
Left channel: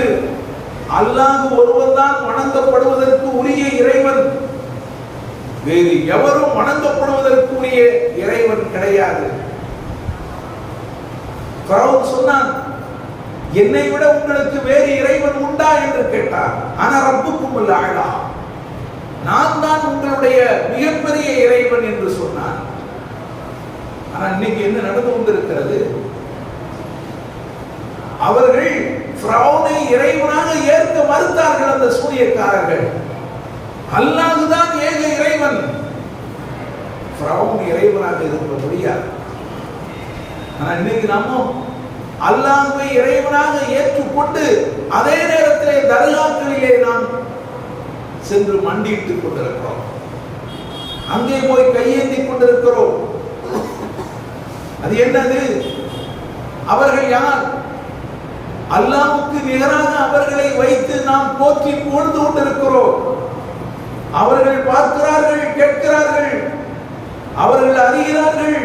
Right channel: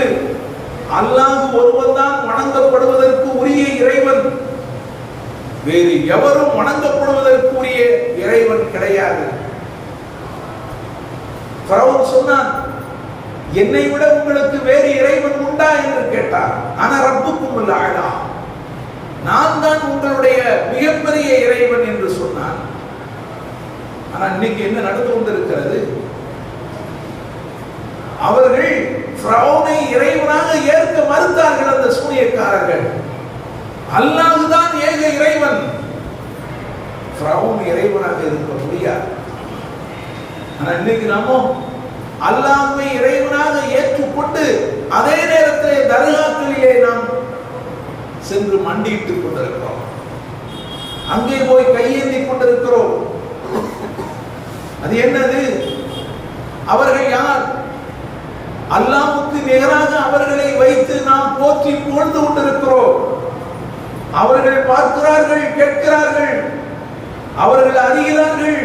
அல்லாஹ் ஒருவன் தான் வணங்கப்படுவதற்கு உரிய இறைவன், வேறு எவரும் வணங்கப்படுவதற்கு உரிய இறைவன் கிடையாது. ஃபிரௌன் சொன்னான், என்னை விட உங்களுக்கு வேறு இறைவன் உண்டா என்று கேட்டார். ஆனா ரப்புக்குமுல் அலா, நான் தான் உங்களுடைய மிகப்பெரிய இறைவன் என்று சொன்னான். ஆனா இன்னைக்கு என்ன நடந்து கொண்டிருக்கிறது? அவர்கள் ஃபிரௌனை இறைவனாக ஏற்க மறுத்தார்கள். அந்த சூனியக்காரர்கள், அல்லாஹ் தான் ஏக இறைவன், ஃபிரௌன் இறைவனாக இருக்க முடியாது. ஆனா இன்னைக்கு நாம அல்லாஹ்வை இறைவனாக ஏற்றுக்கொண்டு அதே நேரத்தில் தர்காக்களிலே நாம் சென்று மண்டியிட்டுக் கொண்டிருக்கிறோம், அங்கே போய் கையேந்தி கொண்டிருக்கிறோம். அது என்னது? அவர்கள் யார்? அல்லாஹ்வுக்கு நிகராக அவர்களை வைத்து நாம் போற்றி புகழ்ந்து கொண்டிருக்கிறோம். அவர்கள் பார்க்கிறார்கள், கேட்கிறார்கள், அவர்கள் அறிகிறார்கள்,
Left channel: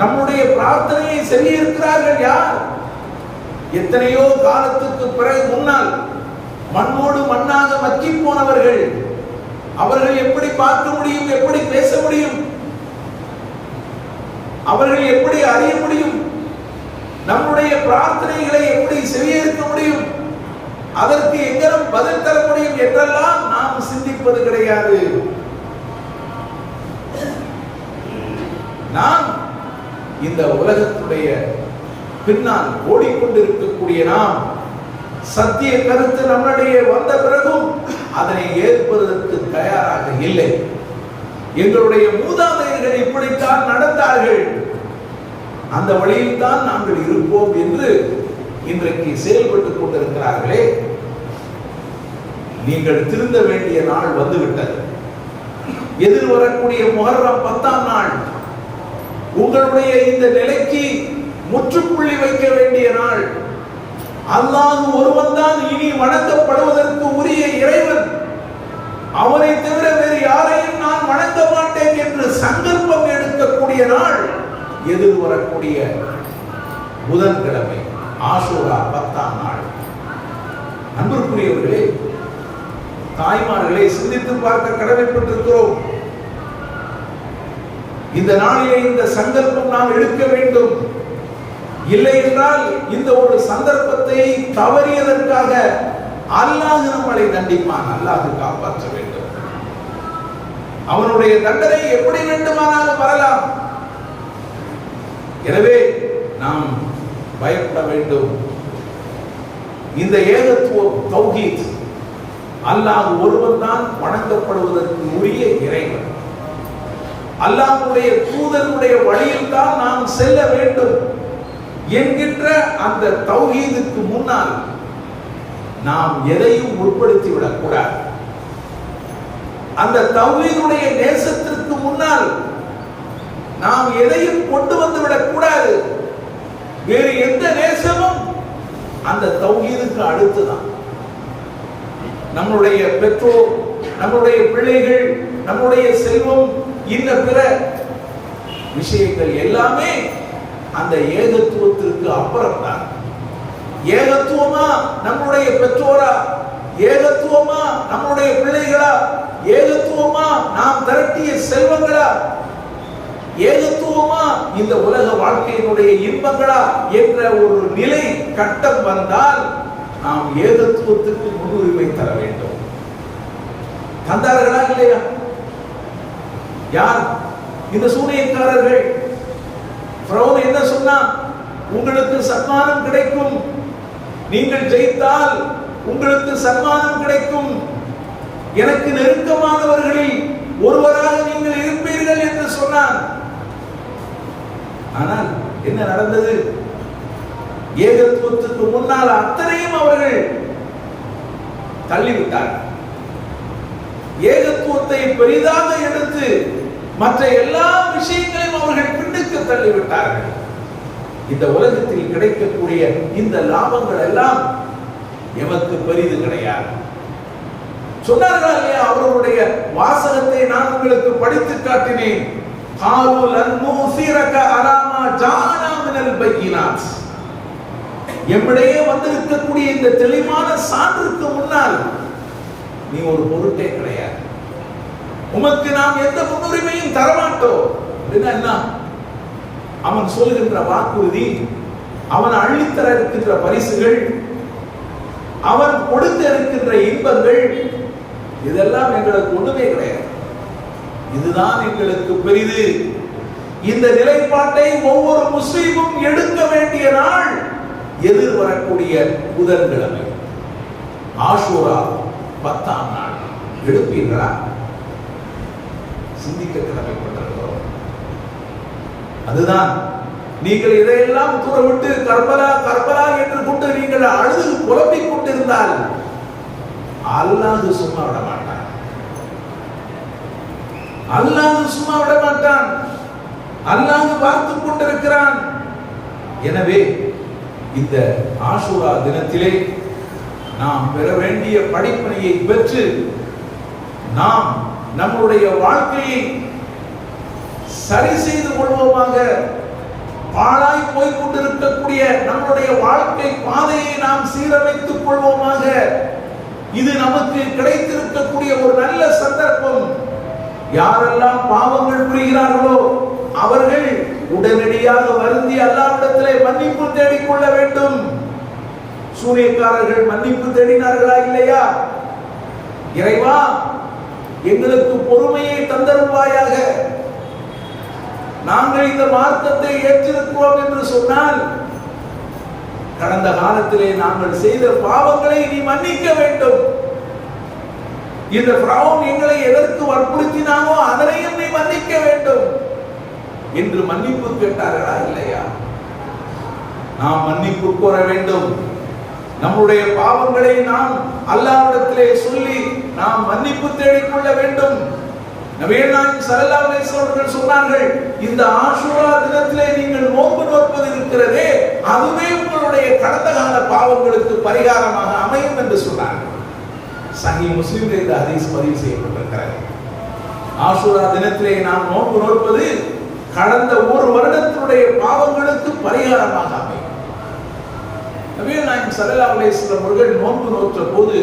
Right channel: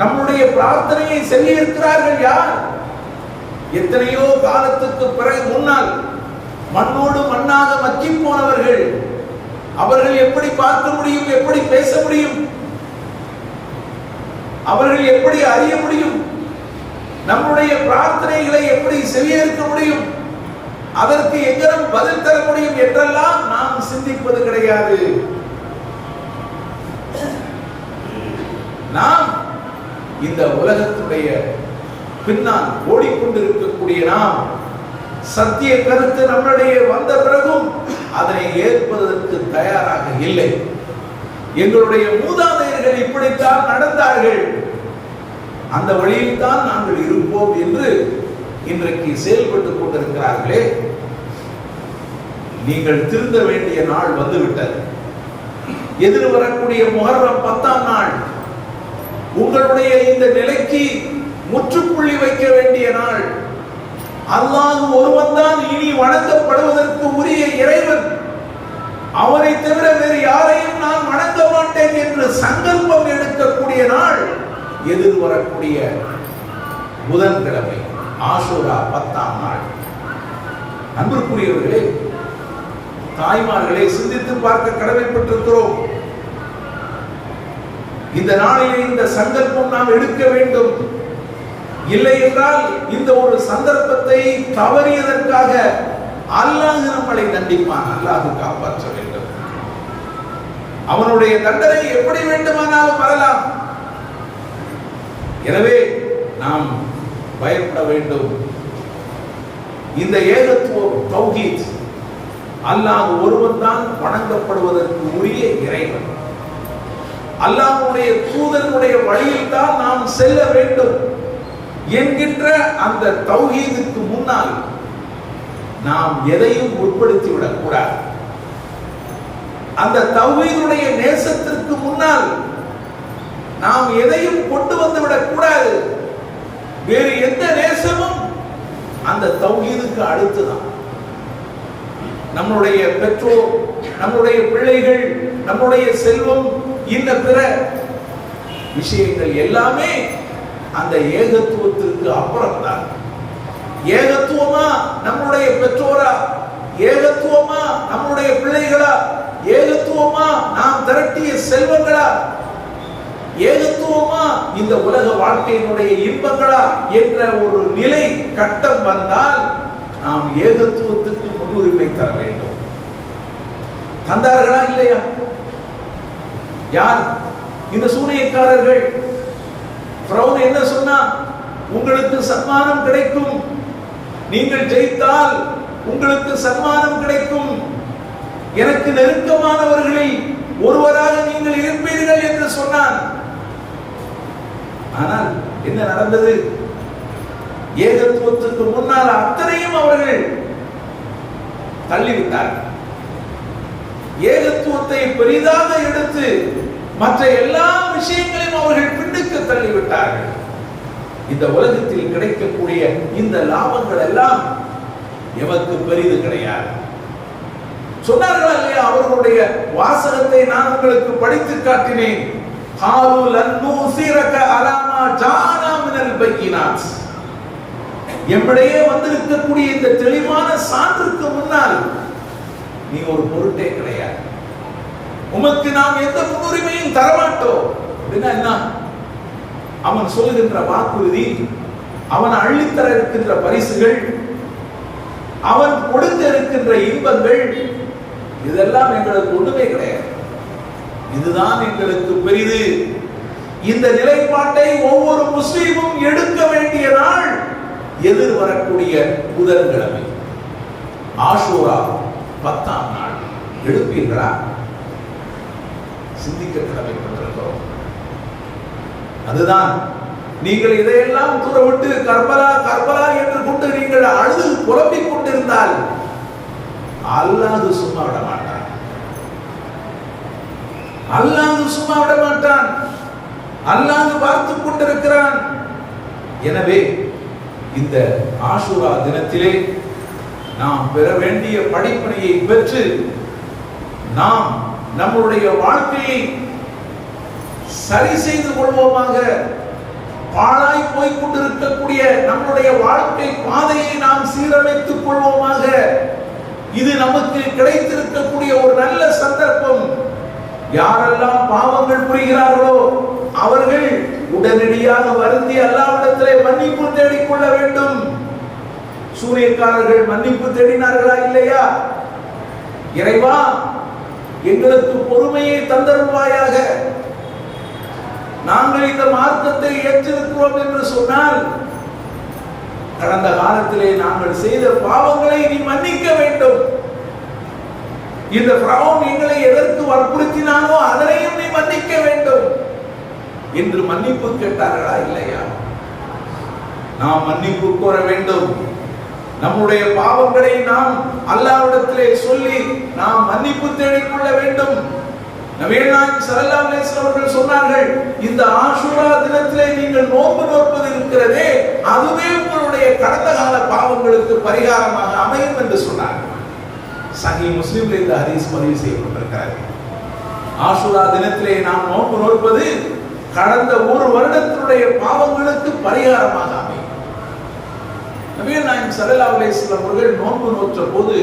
நம்முடைய பிரார்த்தனையை செய்திருக்கிறார்கள். யார்? எத்தனையோ காலத்துக்கு பிறகு முன்னால் மண்ணோடு மண்ணாக மக்கி போனவர்கள். அவர்கள் எப்படி பார்க்க முடியும்? எப்படி பேச முடியும்? அவர்கள் எப்படி அறிய முடியும்? நம்முடைய பிரார்த்தனைகளை எப்படி செவியேற்க முடியும்? அதற்கு எங்கனம் பதில் தர முடியும் என்றெல்லாம் நாம் சிந்திப்பது கிடையாது. நாம் இந்த உலகத்துடைய பின்னால் ஓடிக்கொண்டிருக்கக்கூடிய நாம் சத்திய கருத்து நம்முடைய வந்த பிறகும் அதனை ஏற்பதற்கு தயாராக இல்லை. எங்களுடைய மூதாதையர்கள் இப்படித்தான் நடந்தார்கள், அந்த வழியில் தான் நாங்கள் இருப்போம் என்று இன்றைக்கு செயல்பட்டுக் கொண்டிருக்கிறார்களே. நீங்கள் திருந்த வேண்டிய நாள் வந்துவிட்டது. எதிர் வரக்கூடிய முஹர்ரம் 10ஆம் நாள் உங்களுடைய இந்த நிலைக்கு முற்றுப்புள்ளி வைக்க வேண்டிய நாள். அல்லாஹ் ஒருவன் தான் இனி வணங்கப்படுவதற்கு உரிய இறைவன், அவரை தவிர வேறு யாரையும் நான் வணங்க மாட்டேன் என்று சங்கல்பம் எடுக்கக்கூடிய நாள் எதிர் வரக்கூடிய புதன்கிழமை ஆஷூரா 10ஆம் நாள். அன்பிற்குரியவர்களே, தாய்மார்களை சிந்தித்து பார்க்க கடமைப்பட்டிருக்கிறோம். இந்த நாளிலே இந்த சங்கல்பம் நாம் எடுக்க வேண்டும். இல்லை என்றால் இந்த ஒரு சந்தர்ப்பத்தை தவறியதற்காக அல்லாஹ் நம்மளை தண்டிப்பான். அல்லாஹ் காப்பாற்ற வேண்டும். அவனுடைய தண்டனை எப்படி வேண்டுமானாலும் வரலாம். எனவே நாம் பயப்பட வேண்டும். இந்த ஏகத்துவம் தௌஹீத், அல்லாஹ் ஒருவன் தான் வணங்கப்படுவதற்கு உரிய இறைவன். அல்லாஹ்வுடைய தூதனுடைய வழியில் தான் நாம் செல்ல வேண்டும் என்கின்ற அந்த தௌஹீதுக்கு முன்னால் நாம் எதையும் உட்படுத்திவிடக் கூடாது. அந்த தௌஹீதுடைய நேசத்திற்கு முன்னால் நாம் எதையும் கொண்டு வந்துவிடக் கூடாது. வேறு எந்த நேசமும் அந்த தௌஹீதுக்கு அடுத்துதான். நம்முடைய பெற்றோர், நம்முடைய பிள்ளைகள், நம்முடைய செல்வம், இன்ன பிற விஷயங்கள் எல்லாமே அந்த ஏகத்துவத்திற்கு அப்புறம்தான். ஏகத்துவமா நம்முடைய பெற்றோரா? ஏகத்துவமா நம்முடைய பிள்ளைகளா? ஏகத்துவமா நாம் திரட்டிய செல்வங்களா? ஏகத்துவமா இந்த உலக வாழ்க்கையினுடைய இன்பங்களா என்ற ஒரு நிலை கட்டம் வந்தால் நாம் ஏகத்துவத்துக்கு முன்னுரிமை தர வேண்டும். தந்தார்களா இல்லையா? யார்? இந்த சூனியக்காரர்கள். ஃபிரௌன் என்ன சொன்னா? உங்களுக்கு சன்மானம் கிடைக்கும், நீங்கள் ஜெயித்தால் உங்களுக்கு சன்மானம் கிடைக்கும், எனக்கு நெருக்கமானவர்களில் ஒருவராக நீங்கள் இருப்பீர்கள் என்று சொன்னான். ஆனால் என்ன நடந்தது? ஏகத்துவத்துக்கு முன்னால் அத்தனையும் அவர்கள் தள்ளிவிட்டார்கள். ஏகத்துவத்தை பெரிதாக எடுத்து மற்ற எல்லா விஷயங்களையும் அவர்கள் பின்னுக்கு தள்ளிவிட்டார்கள். இந்த உலகத்தில் கிடைக்கக்கூடிய இந்த லாபங்கள் எல்லாம் எமக்கு பெரிது கிடையாது. சொன்னார்களா இல்லையா? அவர்களுடைய வாசகத்தை நான் உங்களுக்கு படித்து காட்டினேன். எம்மிடையே வந்திருக்கக்கூடிய இந்த தெளிவான சான்றுக்கு முன்னால் நீ ஒரு பொருட்டே கிடையாது, உமக்கு நாம் எந்த முன்னுரிமையும் தரமாட்டோம் அப்படின்னா என்ன? அவன் சொல்லுகின்ற வாக்குறுதி, அவன் அள்ளித்தர இருக்கின்ற பரிசுகள், அவன் கொடுக்க இருக்கின்ற இன்பங்கள், இதெல்லாம் எங்களுக்கு ஒண்ணுமே கிடையாது. இதுதான் எங்களுக்கு பெரிது. இந்த நிலைப்பாட்டை ஒவ்வொரு முஸ்லீமும் எடுக்க வேண்டிய நாள் எதிர் வரக்கூடிய புதன்கிழமை ஆஷூரா 10ஆம் நாள். எடுப்பீர்களா? சிந்திக்க கடமைப்பட்டிருக்கிறோம். அதுதான் நீங்கள் இதையெல்லாம் தூரவிட்டு கர்பலா கர்பலா என்று கொண்டு நீங்கள் அழுது புலம்பிக் கொண்டிருந்தால் அல்லாஹ் சும்மா விட மாட்டார். அல்லாஹ் சும்மா விட மாட்டான். அல்லாஹ் பார்த்து கொண்டிருக்கிறான். எனவே இந்த ஆஷூரா தினத்திலே நாம் பெற வேண்டிய படிப்பினையை பெற்று நாம் நம்முடைய வாழ்க்கையை சரி செய்து கொள்வோமாக. பாழாய் போய்க் கொண்டிருக்கக்கூடிய நம்முடைய வாழ்க்கை பாதையை நாம் சீரமைத்துக் கொள்வோமாக. இது நமக்கு கிடைத்திருக்கக்கூடிய ஒரு நல்ல சந்தர்ப்பம். யாரெல்லாம் பாவங்கள் புரிகிறார்களோ அவர்கள் உடனடியாக வருந்தி அல்லாஹ்விடத்திலே மன்னிப்பு தேடிக்கொள்ள வேண்டும். சூனியக்காரர்கள் மன்னிப்பு தேடினார்களா இல்லையா? இறைவா, எங்களுக்கு பொறுமையை தந்தருவாயாக, நாங்கள் இந்த மார்க்கத்தை ஏற்றிருக்கிறோம் என்று சொன்னால் கடந்த காலத்திலே நாங்கள் செய்த பாவங்களை நீ மன்னிக்க வேண்டும். இந்த ஃபிரௌன் எங்களை எதற்கு வற்புறுத்தினானோ அதனையும் நீ மன்னிக்க வேண்டும் என்று மன்னிப்பு கேட்டார்களா இல்லையா? நாம் மன்னிப்பு கோர வேண்டும். நம்முடைய பாவங்களை நாம் அல்லாஹ்விடத்திலே சொல்லி நாம் மன்னிப்பு தேடிக்கொள்ள வேண்டும். நபிகள் நாயகம் ஸல்லல்லாஹு அலைஹி வஸல்லம் அவர்கள் சொன்னார்கள், இந்த ஆஷூரா தினத்திலே நீங்கள் நோன்பு நோற்பது இருக்கிறதே, அதுவே உங்களுடைய கடந்த கால பாவங்களுக்கு பரிகாரமாக அமையும் என்று சொன்னார்கள். சஹீஹ் முஸ்லிமில் இந்த ஹதீஸ் பதிவு செய்யப்பட்டிருக்கிறது. ஆஷூரா தினத்திலே நாம் நோன்பு நோற்பது கடந்த ஒரு வருடத்தினுடைய பாவங்களுக்கு பரிகாரமாக அமையும். நபிகள் நாயகம் ஸல்லல்லாஹு அலைஹி வஸல்லம் அவர்கள் நோன்பு நோற்ற போது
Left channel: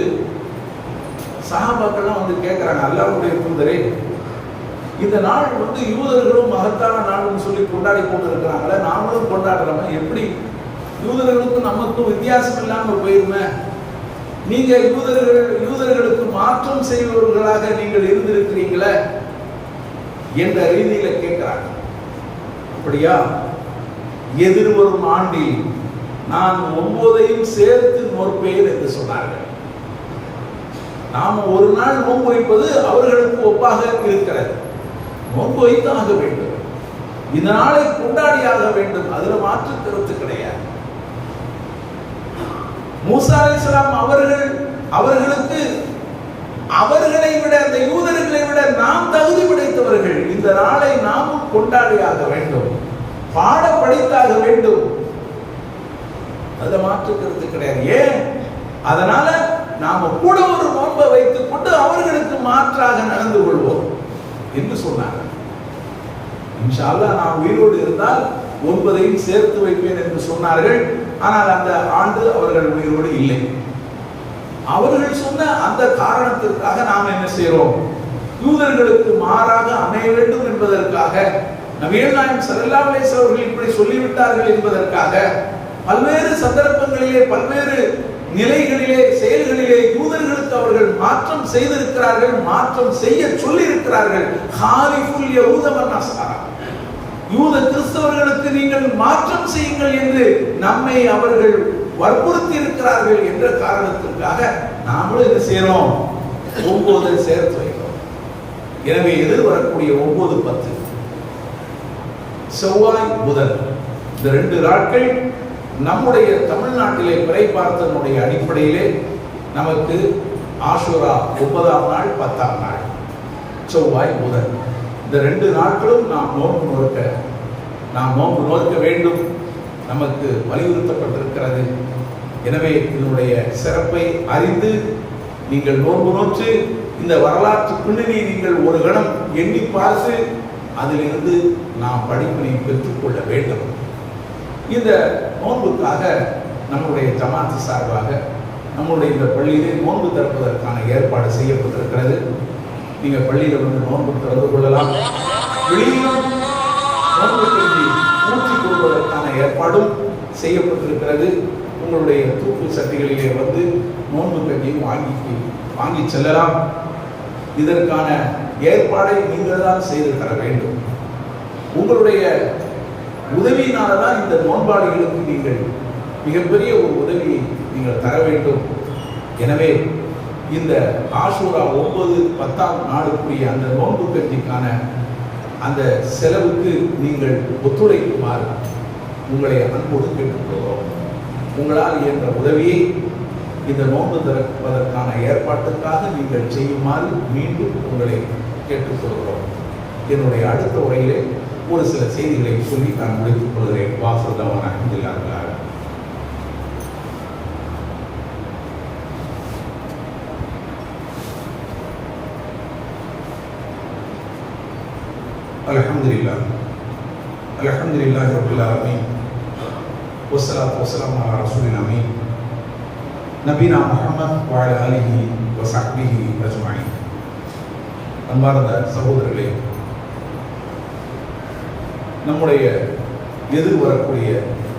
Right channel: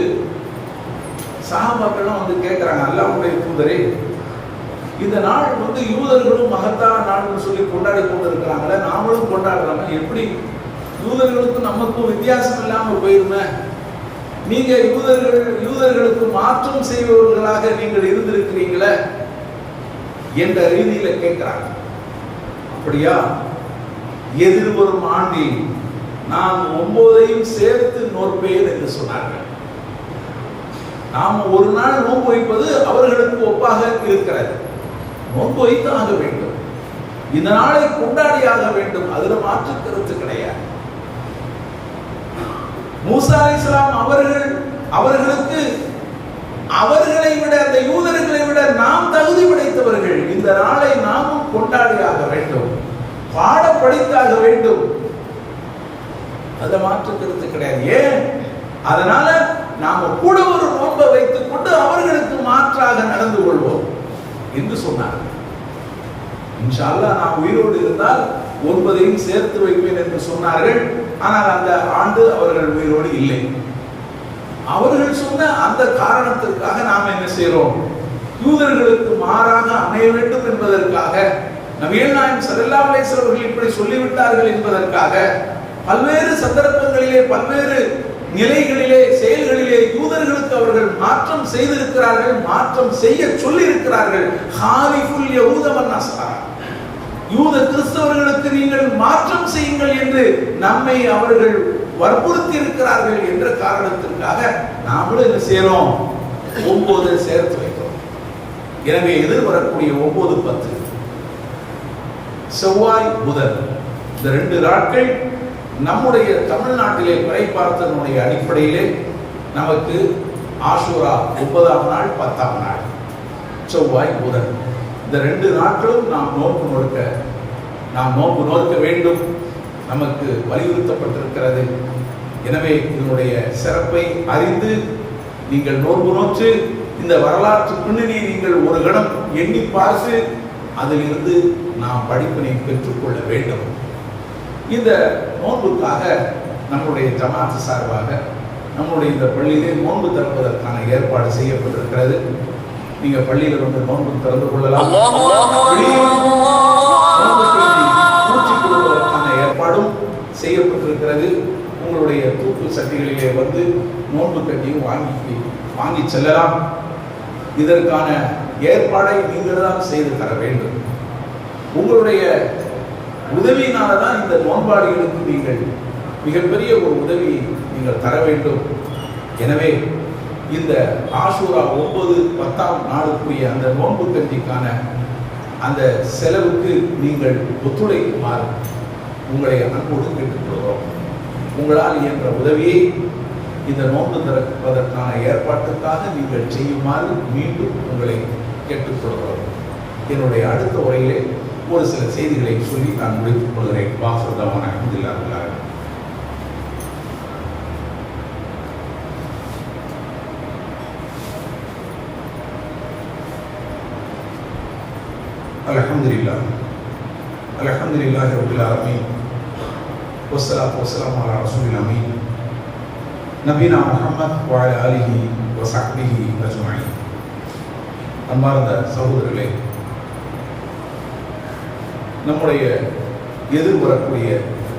சஹாபாக்களும் வந்து கேட்கிறாங்க, அல்லாஹ்வுடைய தூதரே, இந்த நாள் யூதர்களும் மகத்தான நாள்னு சொல்லி கொண்டாடி கொண்டு இருக்கிறாங்களே, நாமளும் கொண்டாடுறோம், எப்படி யூதர்களுக்கும் நமக்கும் வித்தியாசம் இல்லாமல் போயிருமே? நீங்க யூதர்களுக்கு மாற்றம் செய்பவர்களாக நீங்கள் இருந்திருக்கிறீங்களே என்ற ரீதியில கேட்கிறாங்க. அப்படியா? எதிர்வரும் ஆண்டில் நான் 9ஐயும் சேர்த்து நோற்பேன் என்று சொன்னார்கள். நாம் ஒரு நாள் நோன்பு வைப்பது அவர்களுக்கு ஒப்பாக இருக்கிறது. நோன்பு வைத்தாக வேண்டும், இந்த நாளை கொண்டாடியாக வேண்டும், அதுல மாற்று கருத்து கிடையாது. மூசா அலைஹிஸ்ஸலாம் அவர்களுக்கு அவர்களை விட, அந்த யூதர்களை விட நாம் தகுதி படைத்தவர்கள். இந்த நாளை நாமும் கொண்டாடியாக வேண்டும், பாட படித்தாக வேண்டும், அதுல மாற்று கருத்து கிடையாது. ஏன்? அதனால நாம கூட ஒரு நோன்பை வைத்துக் கொண்டு அவர்களுக்கு மாற்றாக நடந்து கொள்வோம் என்று சொன்னார்கள். இன்ஷா அல்லாஹ் நான் உயிரோடு இருந்தால் 9ஐயும் சேர்த்து வைப்பேன் என்று சொன்னார்கள். ஆனால் அந்த ஆண்டு அவர்கள் உயிரோடு இல்லை. அவர்கள் சொன்ன அந்த காரணத்திற்காக நாம் என்ன செய்கிறோம்? யூதர்களுக்கு மாறாக அமைய வேண்டும் என்பதற்காக, நபிகள் நாயகம் ஸல்லல்லாஹு அலைஹி வஸல்லம் அவர்கள் இப்படி சொல்லிவிட்டார்கள் என்பதற்காக பல்வேறு சந்தர்ப்பங்களிலே, பல்வேறு நிலைகளிலே, செயல்களிலே யூதர்களுக்கு அவர்கள் மாற்றம் செய்திருக்கிறார்கள், மாற்றம் செய்ய சொல்லி இருக்கிறார்கள். ஹாலிஃபுல் யஹூத வன் நஸாரா, யூத கிறிஸ்தவர்களுக்கு நீங்கள் மாற்றம் செய்யுங்கள் என்று நம்மை அவர்கள் வற்புறுத்தி இருக்கிறார்கள் என்ற காரணத்திற்காக நாமளும் என்ன செய்யறோம்? 9 சேர்த்து வைக்கிறோம். எனவே எதிர்வரக்கூடிய 9, 10 செவ்வாய், புதன், இந்த 2 நாட்கள் நம்முடைய தமிழ்நாட்டிலே பிறை பார்த்தனுடைய அடிப்படையிலே நமக்கு ஆஷூரா 9ஆம் நாள், 10ஆம் நாள், செவ்வாய், புதன், இந்த 2 நாட்களும் நாம் நோன்பு நோக்க வேண்டும், நமக்கு வலியுறுத்தப்பட்டிருக்கிறது. எனவே இதனுடைய சிறப்பை அறிந்து நீங்கள் நோன்பு நோற்று இந்த வரலாற்று பின்னணியை நீங்கள் ஒரு கணம் எண்ணி பார்த்து அதிலிருந்து நாம் படிப்பினை பெற்றுக்கொள்ள வேண்டும். இந்த நோன்புக்காக நம்முடைய ஜமாத் சார்பாக நம்முடைய இந்த பள்ளியிலே நோன்பு திறப்பதற்கான ஏற்பாடு செய்யப்பட்டிருக்கிறது. நீங்க பள்ளியில வந்து நோன்பு திறந்து கொள்ளலாம். ஊற்றி கொடுப்பதற்கான ஏற்பாடும் செய்யப்பட்டிருக்கிறது. உங்களுடைய தூக்கு சட்டிகளிலே வந்து நோன்பு கஞ்சியும் வாங்கி செல்லலாம். இதற்கான ஏற்பாடை நீங்கள் தான் செய்து தர வேண்டும். உங்களுடைய உதவியினால தான் இந்த நோன்பாளிகளுக்கு நீங்கள் மிகப்பெரிய ஒரு உதவியை நீங்கள் தர வேண்டும். எனவே இந்த ஆஷூரா 9, 10ஆம் நாளுக்குரிய அந்த நோன்பு கஞ்சிக்கான அந்த செலவுக்கு நீங்கள் ஒத்துழைக்குமாறு உங்களை அன்போடு கேட்டுக்கொள்கிறோம். உங்களால் இயன்ற உதவியை இந்த நோன்பு திறப்பதற்கான ஏற்பாட்டுக்காக நீங்கள் செய்யுமாறு மீண்டும் உங்களை கேட்டுக்கொள்கிறோம். என்னுடைய அடுத்த உரையிலே ஒரு சில செய்திகளை சொல்லி நான் முடித்துக் கொள்கிறேன். வாஃபிர்தவான அல்ஹம்துலில்லாஹ். அல்ஹம்துலில்லாஹ் அல்ஹம்துலில்லாஹி ரப்பில் ஆலமீன் வஸ்ஸலாத்து வஸ்ஸலாமு அலா ரசூலில் அமீன் நபீனா முஹம்மத் வ அலா ஆலிஹி வ ஸஹ்பிஹி அஜ்மஈன். அன்பார்ந்த சகோதரர்களே, நம்முடைய எதிர்வரக்கூடிய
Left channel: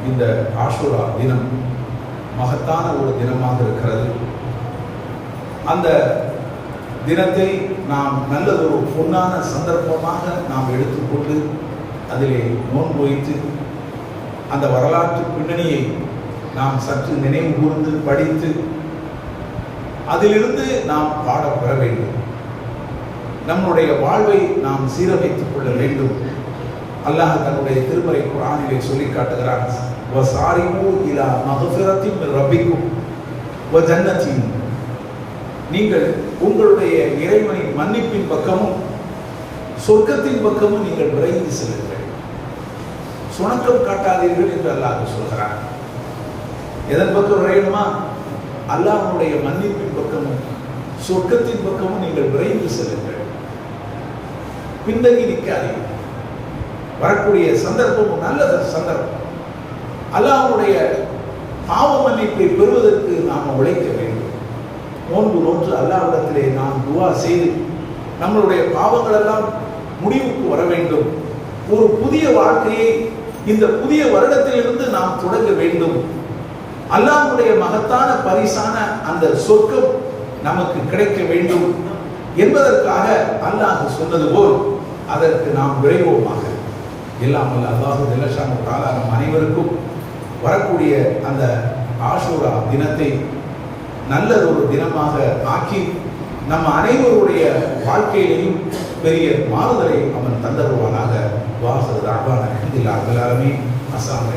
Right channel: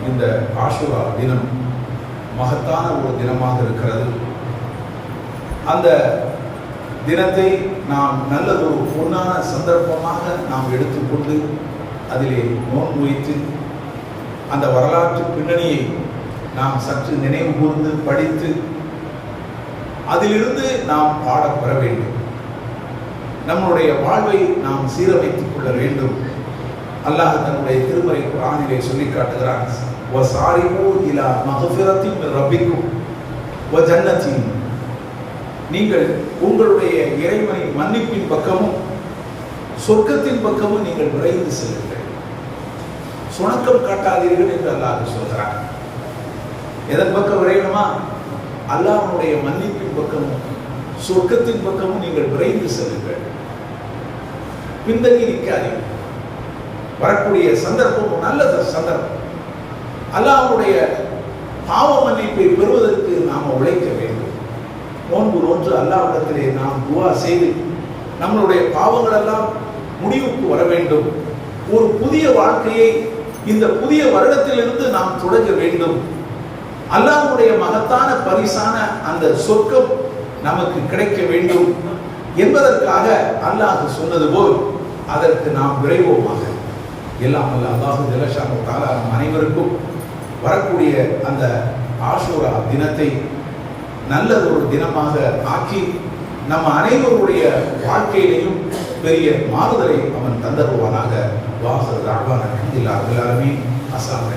இந்த ஆஷுரா தினம் மகத்தான ஒரு தினமாக இருக்கிறது. அந்த தினத்தை நாம் நல்லதொரு பொன்னான சந்தர்ப்பமாக நாம் எடுத்துக்கொண்டு அதிலே நோன்பு வைத்து அந்த வரலாற்று பின்னணியை நாம் சற்று நினைவு கூர்ந்து படித்து அதிலிருந்து நாம் பாடப்பெற வேண்டும். நம்முடைய வாழ்வை நாம் சீரமைத்துக் கொள்ள வேண்டும். அல்லாஹ் தன்னுடைய திருமறை குர்ஆனிலே சொல்லி காட்டுகிறான், வசாரிமு இலா மக்ஃபிரத்தின் மின் ரப்பிக்கும் வ ஜன்னத்தின். நீங்கள் உங்களுடைய இறைவனின் மன்னிப்பின் பக்கமும் சொர்க்கத்தின் பக்கமும் நீங்கள் விரைந்து செல்லுங்கள். சுணக்கம் காட்டாதீர்கள் என்று அல்லாஹ் சொல்கிறான். எதன் பக்கம் விரையணுமா? அல்லாஹ்வுடைய மன்னிப்பின் பக்கமும் சொர்க்கத்தின் பக்கமும் நீங்கள் விரைந்து செல்லுங்கள். பின்தங்கி நிற்காதீர்கள். வரக்கூடிய சந்தர்ப்பம் நல்ல சந்தர்ப்பம். அல்லாஹ்வுடைய பாவ மன்னிப்பை பெறுவதற்கு நாம் உழைக்க வேண்டும். நோன்பு நோன்று அல்லாஹ்விடத்திலே நாம் துஆ செய்து நம்மளுடைய பாவங்கள் எல்லாம் முடிவுக்கு வர வேண்டும். ஒரு புதிய வாழ்க்கையை இந்த புதிய வருடத்திலிருந்து நாம் தொடங்க வேண்டும். அல்லாஹ்வுடைய மகத்தான பரிசான அந்த சொர்க்கம் நமக்கு கிடைக்க வேண்டும் என்பதற்காக அல்லாஹ் சொன்னது போல் அதற்கு நாம் விரைவோமாக. எல்லாம் அல்ல அல்லாஹு ஜல்ல ஷானஹு தஆலா நம் அனைவருக்கும் வரக்கூடிய அந்த ஆஷூரா தினத்தை நல்லதொரு தினமாக ஆக்கி நம்ம அனைவருடைய வாழ்க்கையிலையும் பெரிய மாறுதலை அவன் தந்தருவானாக. வாஹிரு தஅவானா அல்ஹம்துலில்லாஹி ரப்பில் ஆலமீன். அஸ்ஸலாமு